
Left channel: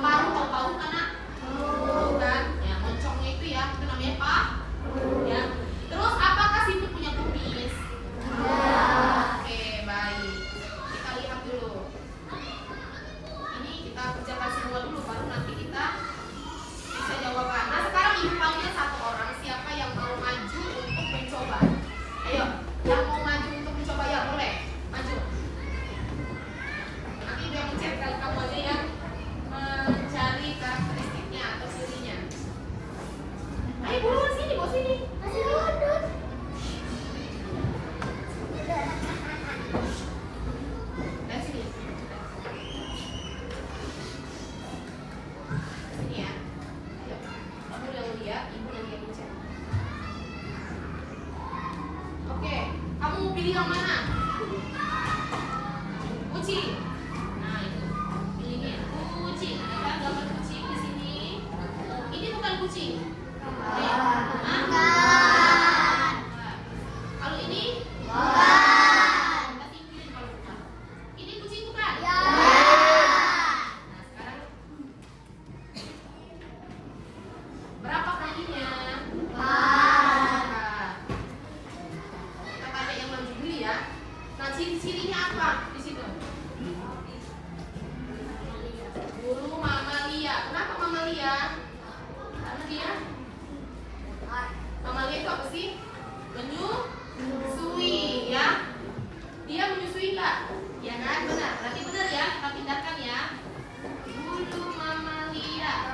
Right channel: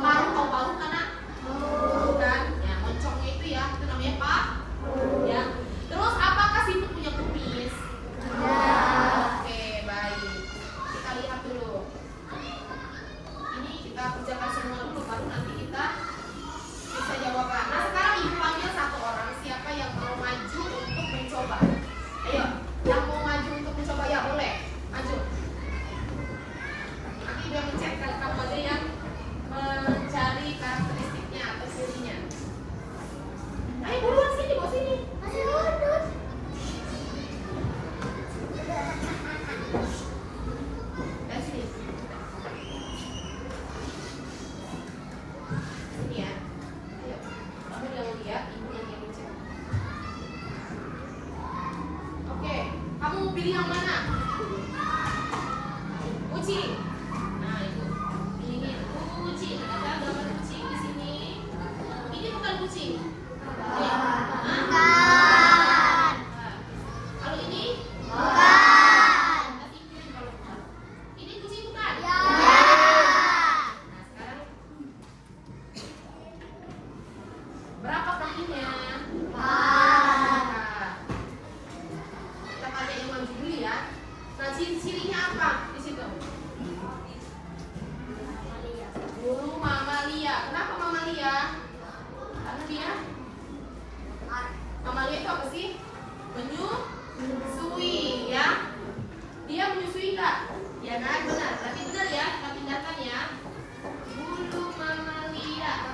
Paru, tahu paru kan? Nak? Tahu kan? Ya, moncongnya itu ya, itu namanya paru. Ya. Terus apakah siput punya kumis? Oke, baik. Kita lihat dulu. Ini kita kerjakan semua dulu, baru nanti kita bisa jawaban. Nah, sekarang ibu panggil satu orang, siapa yang mau maju untuk mencoba? Ayo, yang mau maju untuk mencoba ya boleh maju. Nanti dia mencet kali kamu yang mencari karakteristiknya atau cirinya. Ayo buruan sini, bawa sini. Masih duduk. Dan sini. Sini ya. Ayo. Kamu yang lihat, ibu yang mencet. Oke, kamu mau pilih yang mana? Kucing. Nah, itu. Pilihnya kucing. Kita gambar kucing di sini. Ini bukan kucing. Hah? Bukan. Kalau ini? Bukan. Kita tinggalin kalau bukan. Ini kucing bukan? Ya. Nah, sekarang berapa kakinya? Empat. Kita tanya yang maju dulu ya. Nah, ciri-cirinya apa di situ? Bulu mamalia. Kenapa mamalia? Karena dia mamalia itu apa sih? Menyusui ya. Dia menyusui nggak? Ya kan, benar. Berarti benar ya. Kita pindahkan ya. Bulu mamalia.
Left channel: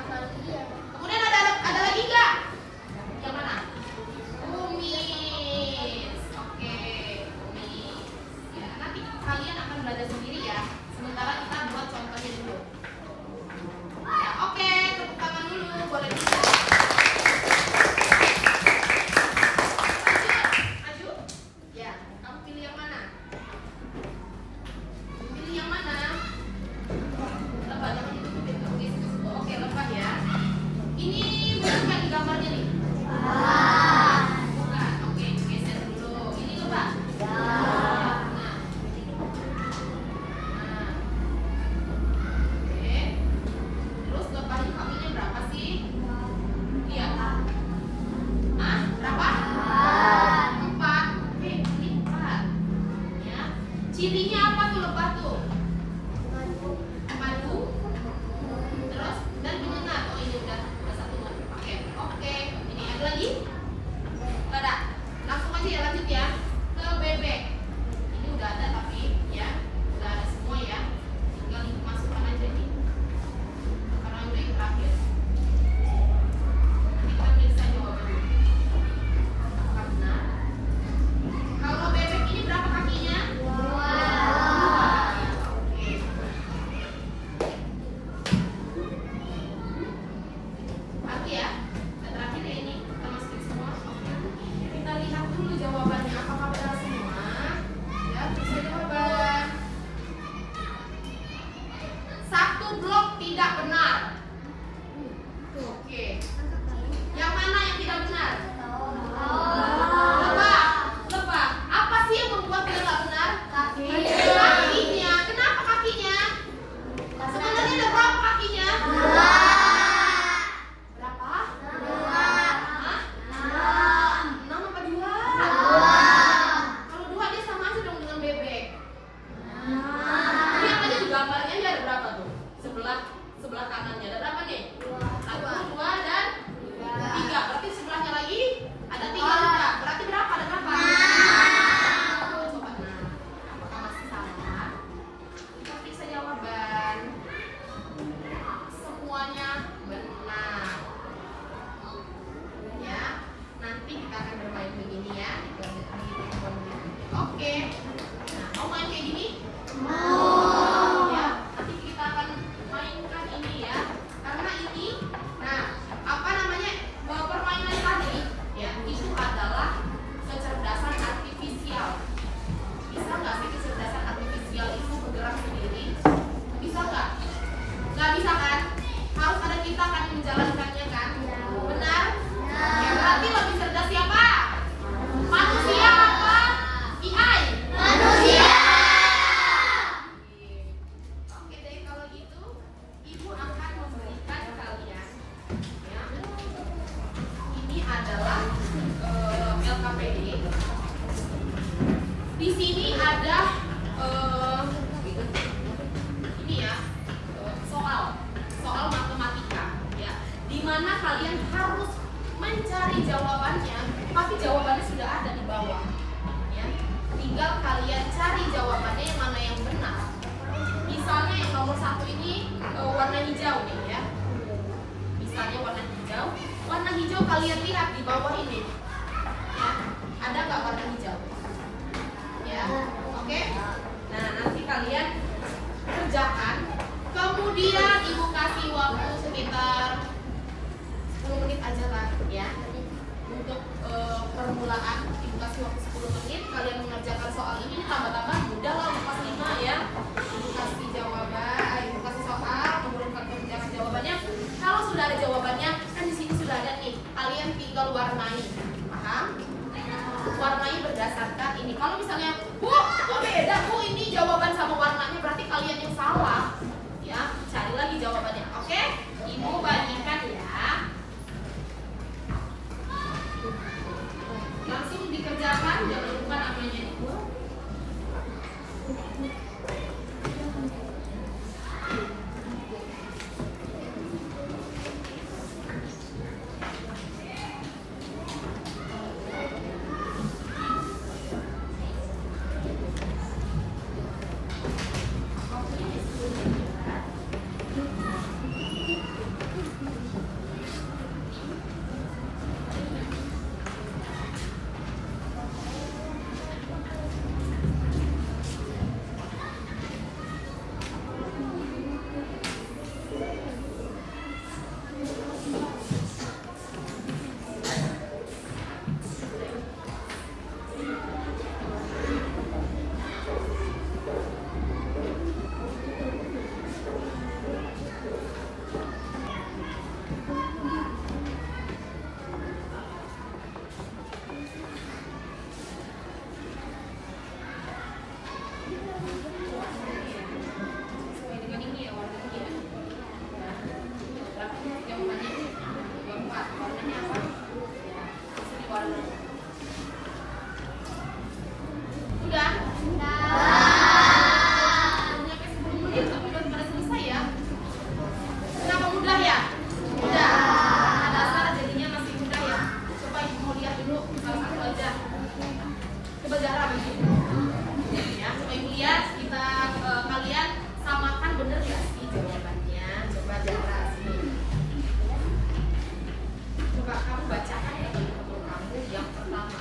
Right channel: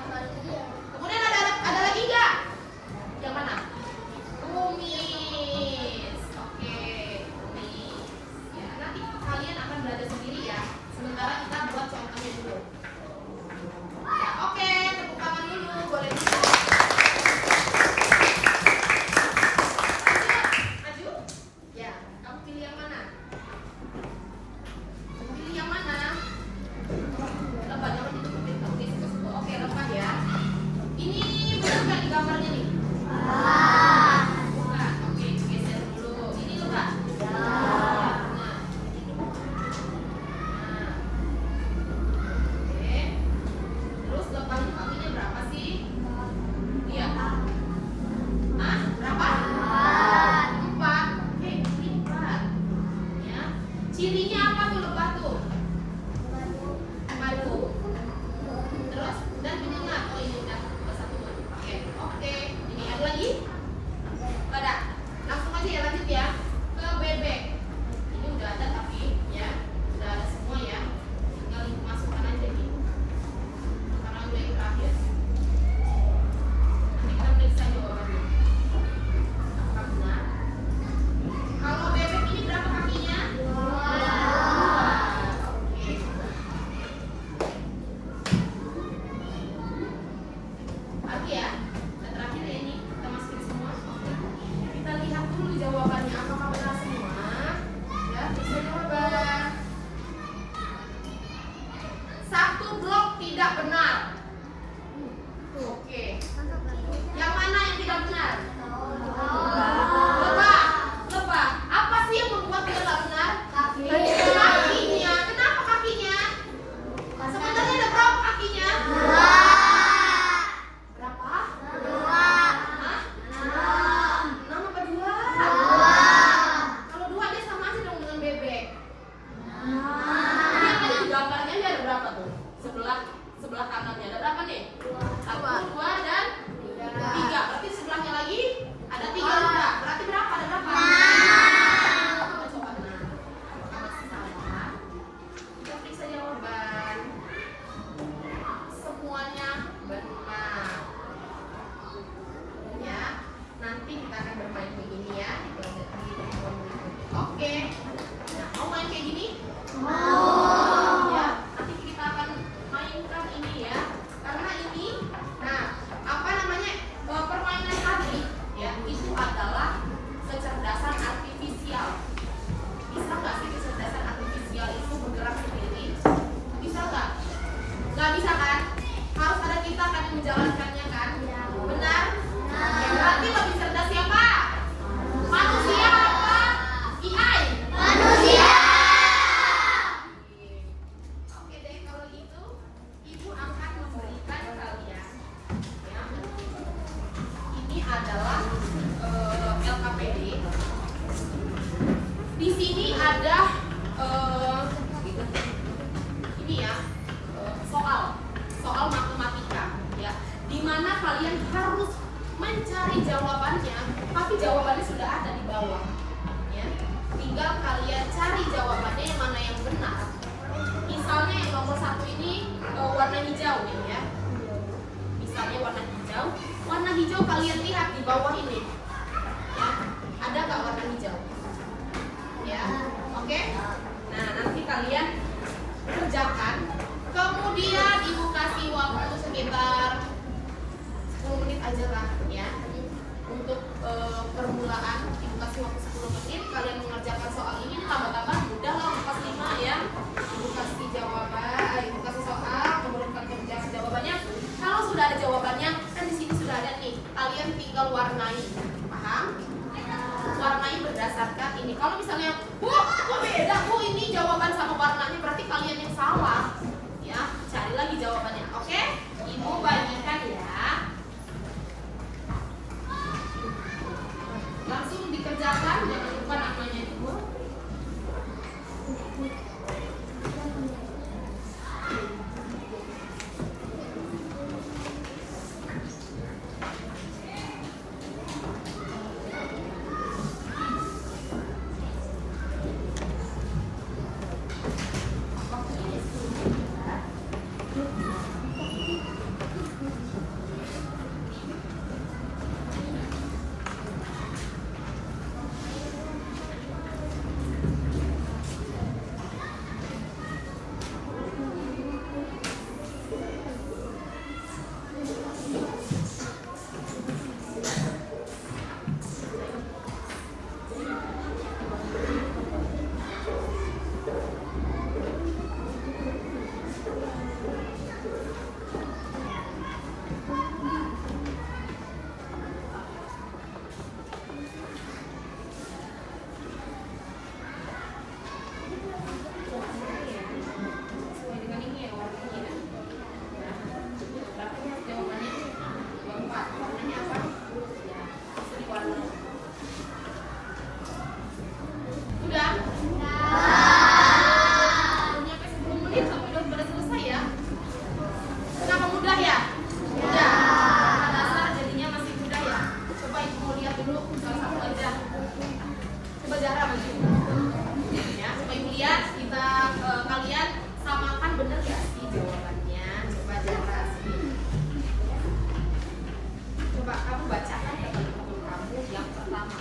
Kemudian ada lagi nggak? Yang mana? Kumis. Oke, kumis. Ya, nanti kalian akan belajar sendiri ya. Sementara kita buat contohnya dulu. Ya, oke, tepuk tangan dulu. Boleh bisa. Maju. Ya, kamu pilih yang mana? Pilih yang mana? Lebah, nama itu kamu geser ke situ. Oke, lebah ya. Ini benar nggak di gambarnya nih? Bukan. Oke, geser dulu. Ini lebah. Nah. Oke. Terus lebah itu kakinya berapa sih? Iya. Ah, berapa? 4. Oke, ini 4. Ya. Cirinya apa tuh lebah tuh? Madu. Terus dan penyengat. Oh, ini udah satu. Oke. Ini ada lagi? Nggak ada. Langsung aja ya, lanjut ya ke bebek. Ini udah ada tapi ya udah ada semua ya. Tinggal ibu masukkan aja nih. Karena udah yang terakhir. Ini apa nih gambarnya ini ada berapa tuh? Sebelah kanannya ada berapa nih? 1, 2 dan 3. Berarti sebelahnya lagi ada 3 juga. Berarti berapa? Ada berapa? Coba nah. Apakah masih sama? Kita periksa jawaban. Semuanya benar. Ya. Nanti kita akan bermain begini ya. Oke. Nah, mau main kayak gini? Mau. Ya, nanti kita akan mainkan ini ya. Karena ini, nah, apa namanya? Permainan tadi ya, itu adalah kecerdasan artifisial. Bisa nggak sih kecerdasan artifisial itu bergerak sendiri? Bisa nggak? Nggak bisa kan? Harus ada kita kan yang menjalankannya kan? Benar? Ya, berarti lebih cerdas siapa? Manusia apa? AI? Manusia. Oke deh, kalau gitu Ibu akan memberikan kalian ya. Ini adalah LKPD. Di sini ada ini ya, soal matematika ya, di mana kalian harus mencari jawabannya, tapi jawabannya sudah ada di bawah ya. Tinggal kalian cari jawabannya yang mana yang benar. Misalnya yang nomor 1 ini warna hijau nih ya. Misalnya warna hijau kalian lihat di bawah ini ya. Ada nggak warna hijau? Ya, oke. Nah, nanti kalian kerjakan. Kemudian Ibu kasih waktu sekitar 10 menit aja lah ya. Untuk permulaan Ibu kasih waktu 10 menit. Kalian mengerjakan soal ini tambah-tambah mudah lah, 4-5 ya. Ibu kasih jawaban, Ibu kasih soal, kemudian kalian kerjakan jawabannya. Kalau sudah ada jawabannya, kan di sini sudah ada nih. Kalian tinggal warnai, paham? Warnai berdasarkan ini. Kalau misalnya, Bu, kok beda Bu ini jawaban sama warnanya, berarti kalian yang salah. Ya, cari lagi jawabannya. Oke? Ibu bagikan ya. Langsung dikerjakan, jangan lupa namanya Ibu. Sesuai dengan ini ya, warna ini ya. Berapa ya jawabannya? 24. Warnanya apa? Ya, sini warna. Udah? Nyampe 10 menit sampai udah selesai ya. Kenapa mudah ya? Mudah. Karena dasar jadinya masih mudah ya. Coba Ibu mau lihat dulu salah satu aja. Coba Zahra maju. Ya, coba Ibu lihat kita kalian samakan bener gak sih jawabannya? Coba Zahra sini. Coba kamu bacakan ke teman-teman kamu yang pertama.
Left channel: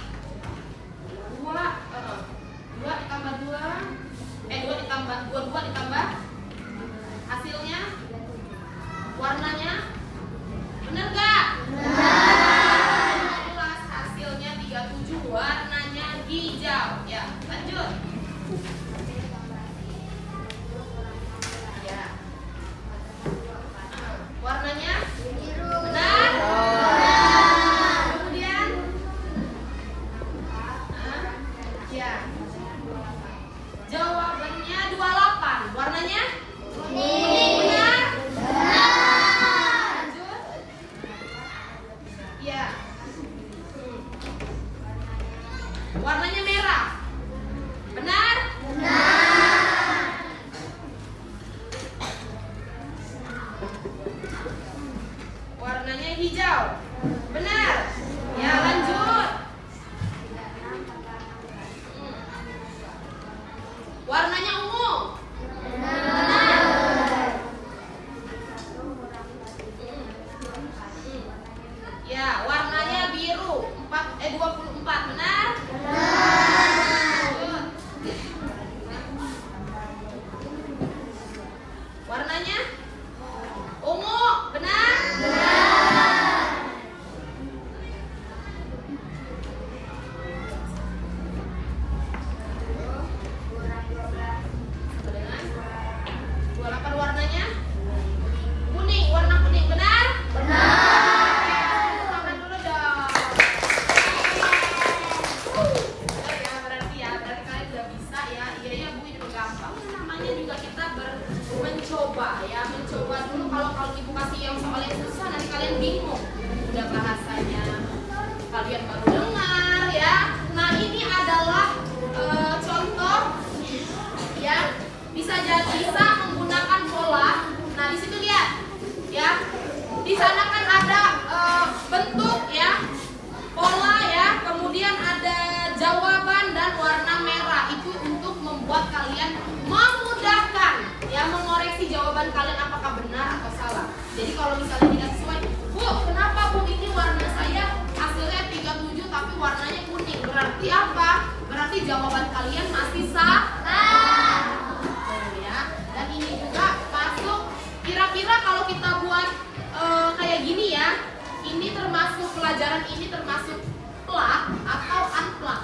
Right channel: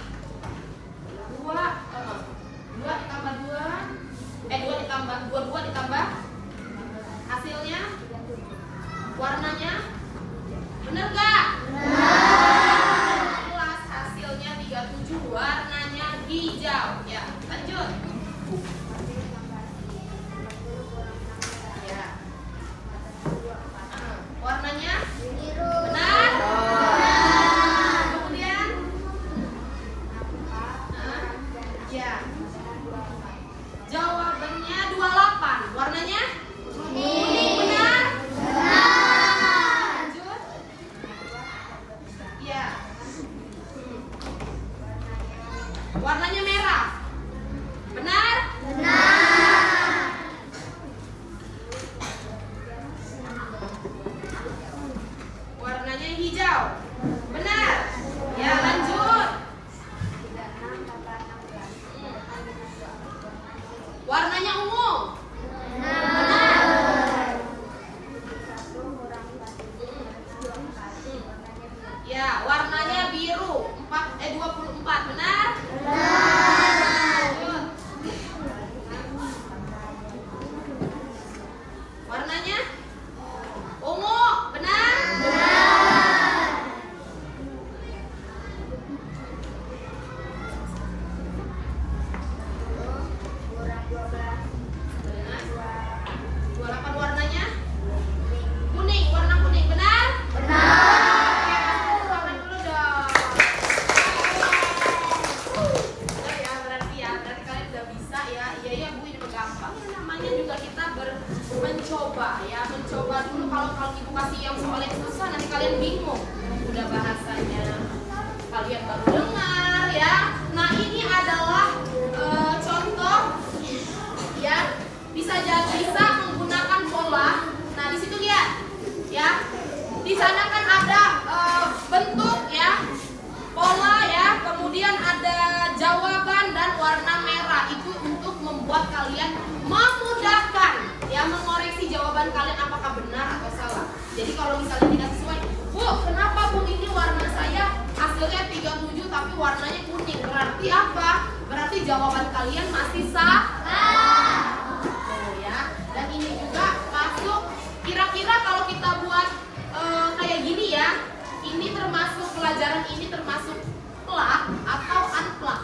2 ditambah 2 ditambah 22 ditambah hasilnya warnanya bener gak? Jelas hasilnya 37, warnanya hijau ya. Lanjut ya. Warnanya benar. Kemudian ya, jawabannya 28, warnanya kuning, benar. Lanjut ya. Warnanya merah, benar. gampang, namanya juga kita mencoba ya, mencoba dulu. Kalau ibu kasih yang soalnya susah nanti kalian bingung, udah bahasanya kalian baru dengar ya. Nah ini adalah contoh ya, bisa menggunakan pola. Nah di situ lihat ya, di sana kan ada bentuk ya, pola ya, kemudian ada jawaban dan warna merah. Itu untuk membuat kalian memudahkan ya, mengoreksi jawaban kalian apakah benar atau salah. Jadi kalau misalnya tidak sesuai, Bu, kenapa Bu ini warna saya hasilnya 37 tapi warnanya kuning? Berarti apa? Berarti jawaban kalian masih salah. Ya. Dan ini juga masuk, kira-kira kalau kita buat kayak gini ya, ini termasuk pelajaran ini termasuk plak atau unplak?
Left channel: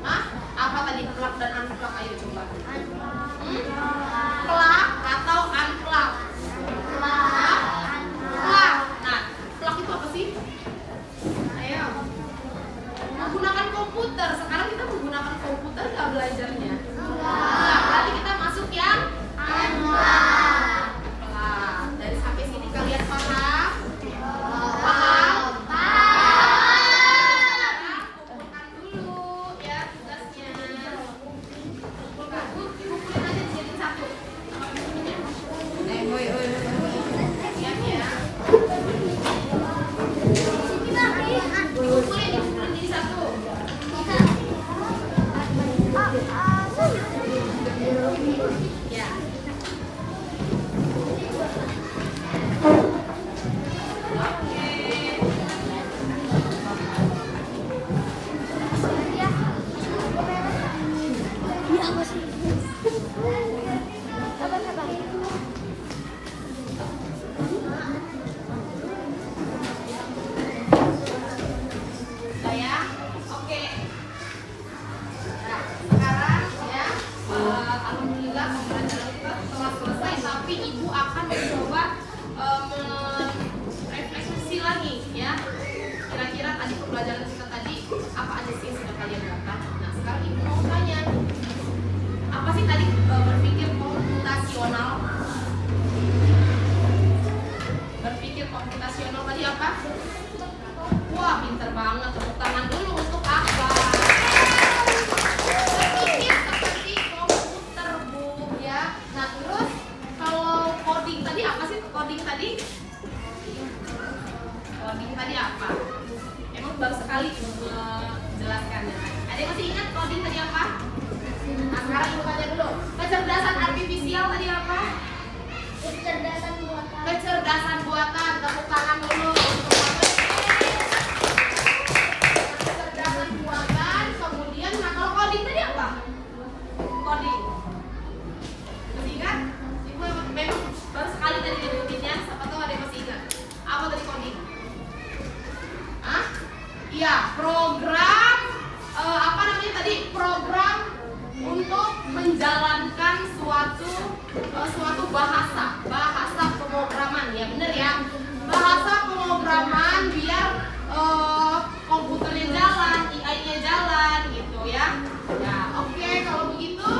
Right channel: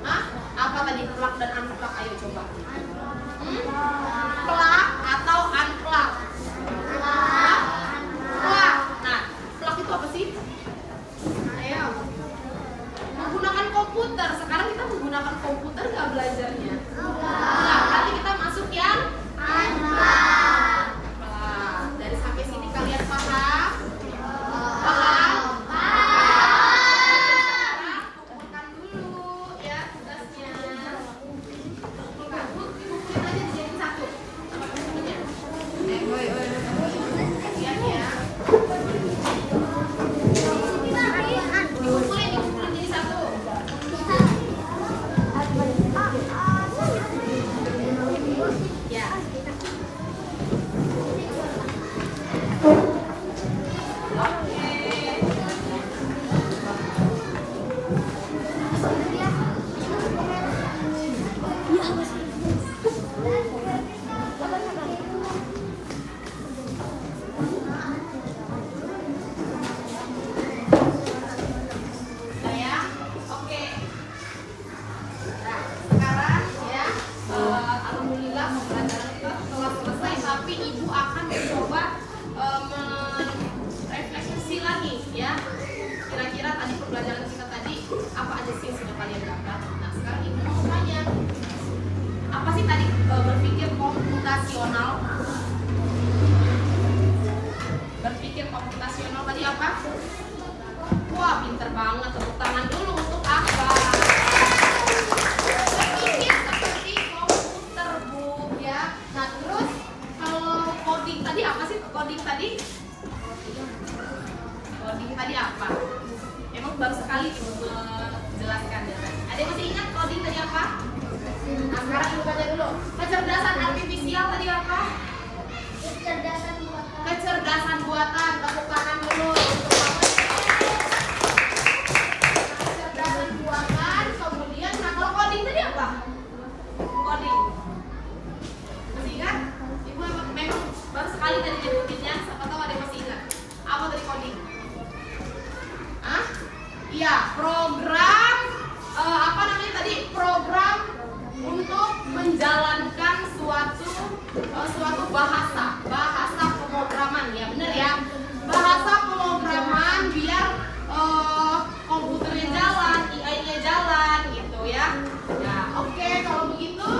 Hah? Apa tadi plak dan unplak? Ayo coba. Plak atau unplak? Plak. Nah, plak itu apa sih? Ayo. Menggunakan komputer. Sekarang kita menggunakan komputer nggak belajarnya? Nah, nanti kita masuk yang unplak. Dari sampai sini kalian paham? Paham? Kumpulkan dulu ya tugasnya. Kumpulin aja dijadiin satu sama temen-temennya. Siap ya. Dikumpulin jadi satu. Ya. Udah ya? Oke. Nah, sekarang ya, alhamdulillah pembelajaran kita telah selesai, tapi Ibu akan mencoba merefleksi lagi ya. Kira-kira tadi pembelajaran kita tadi apa aja sih yang sudah kalian dapat? Nah, sekarang Ibu mau tanya, apa sih tadi berpikir komputasional? Berpikir komputasional tadi apa? Wah, pinter banget. Tepuk tangan dulu untuk apa? Berpikir seperti komputer, Bu, ya. Nah, terus kalau coding tadi apa sih? Coding tadi? Coding tadi apa? Emang baru sekali Ibu menjelaskan ya. Ada yang masih ingat coding tadi apa? Nah, sekarang Ibu tanya dulu. Kecerdasan artifisial tadi apa? Kecerdasan buatan. Tepuk tangan dulu untuk kecerdasan buatan. Kemudian, nah kalau coding tadi apa? Coding. Masih ingat? Ibu memang baru sekali tadi nyebutinnya. Siapa tahu ada yang masih ingat. Apa tadi coding? Hah? Iya, program apa namanya tadi? Program untuk menjalankan suatu bahasa pemrograman ya, bener ya, bahasa pemrograman biar komputernya jalan, AI-nya jalan gitu ya. Ya oke, kalau begitu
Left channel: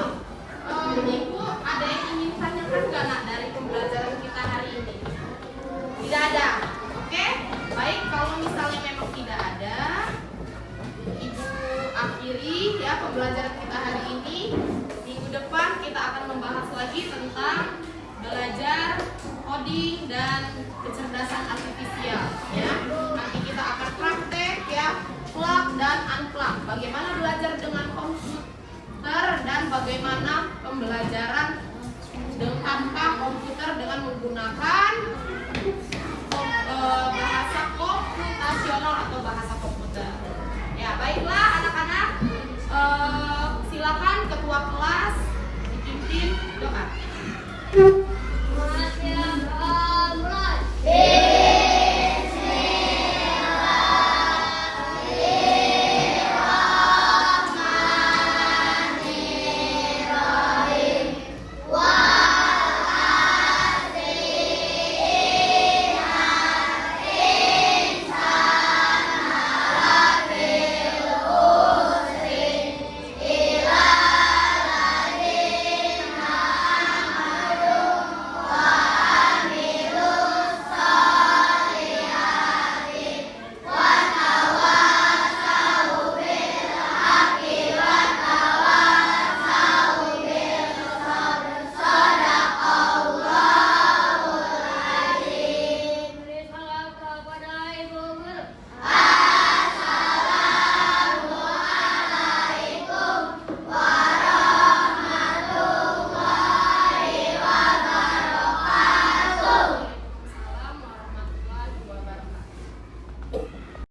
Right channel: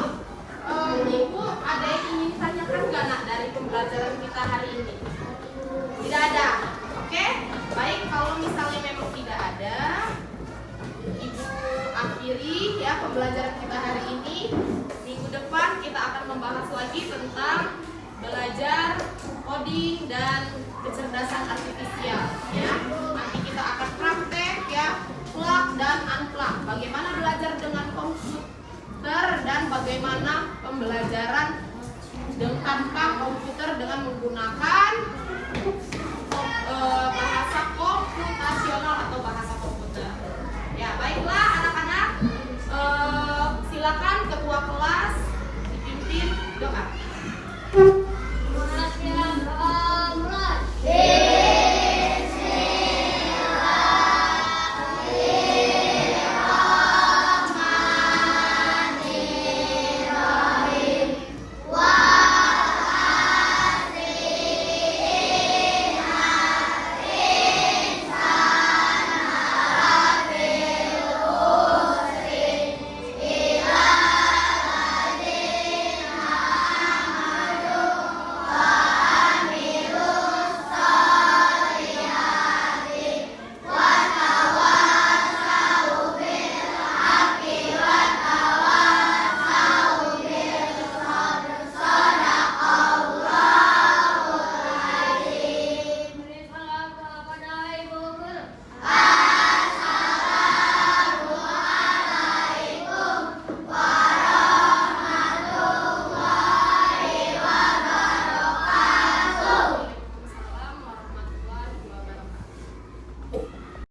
Ibu ada yang ingin tanyakan nggak nak dari pembelajaran kita hari ini? Tidak ada, oke? Baik, kalau misalnya memang tidak ada, Ibu akhiri ya pembelajaran kita hari ini. Minggu depan kita akan membahas lagi tentang belajar coding dan kecerdasan artifisial ya. Nanti kita akan praktek ya, plug dan unplug. Bagaimana belajar dengan komputer dan bagaimana pembelajaran tanpa komputer dengan menggunakan bahasa komputasional atau bahasa komputer. Ya, baiklah anak-anak, silakan ketua kelas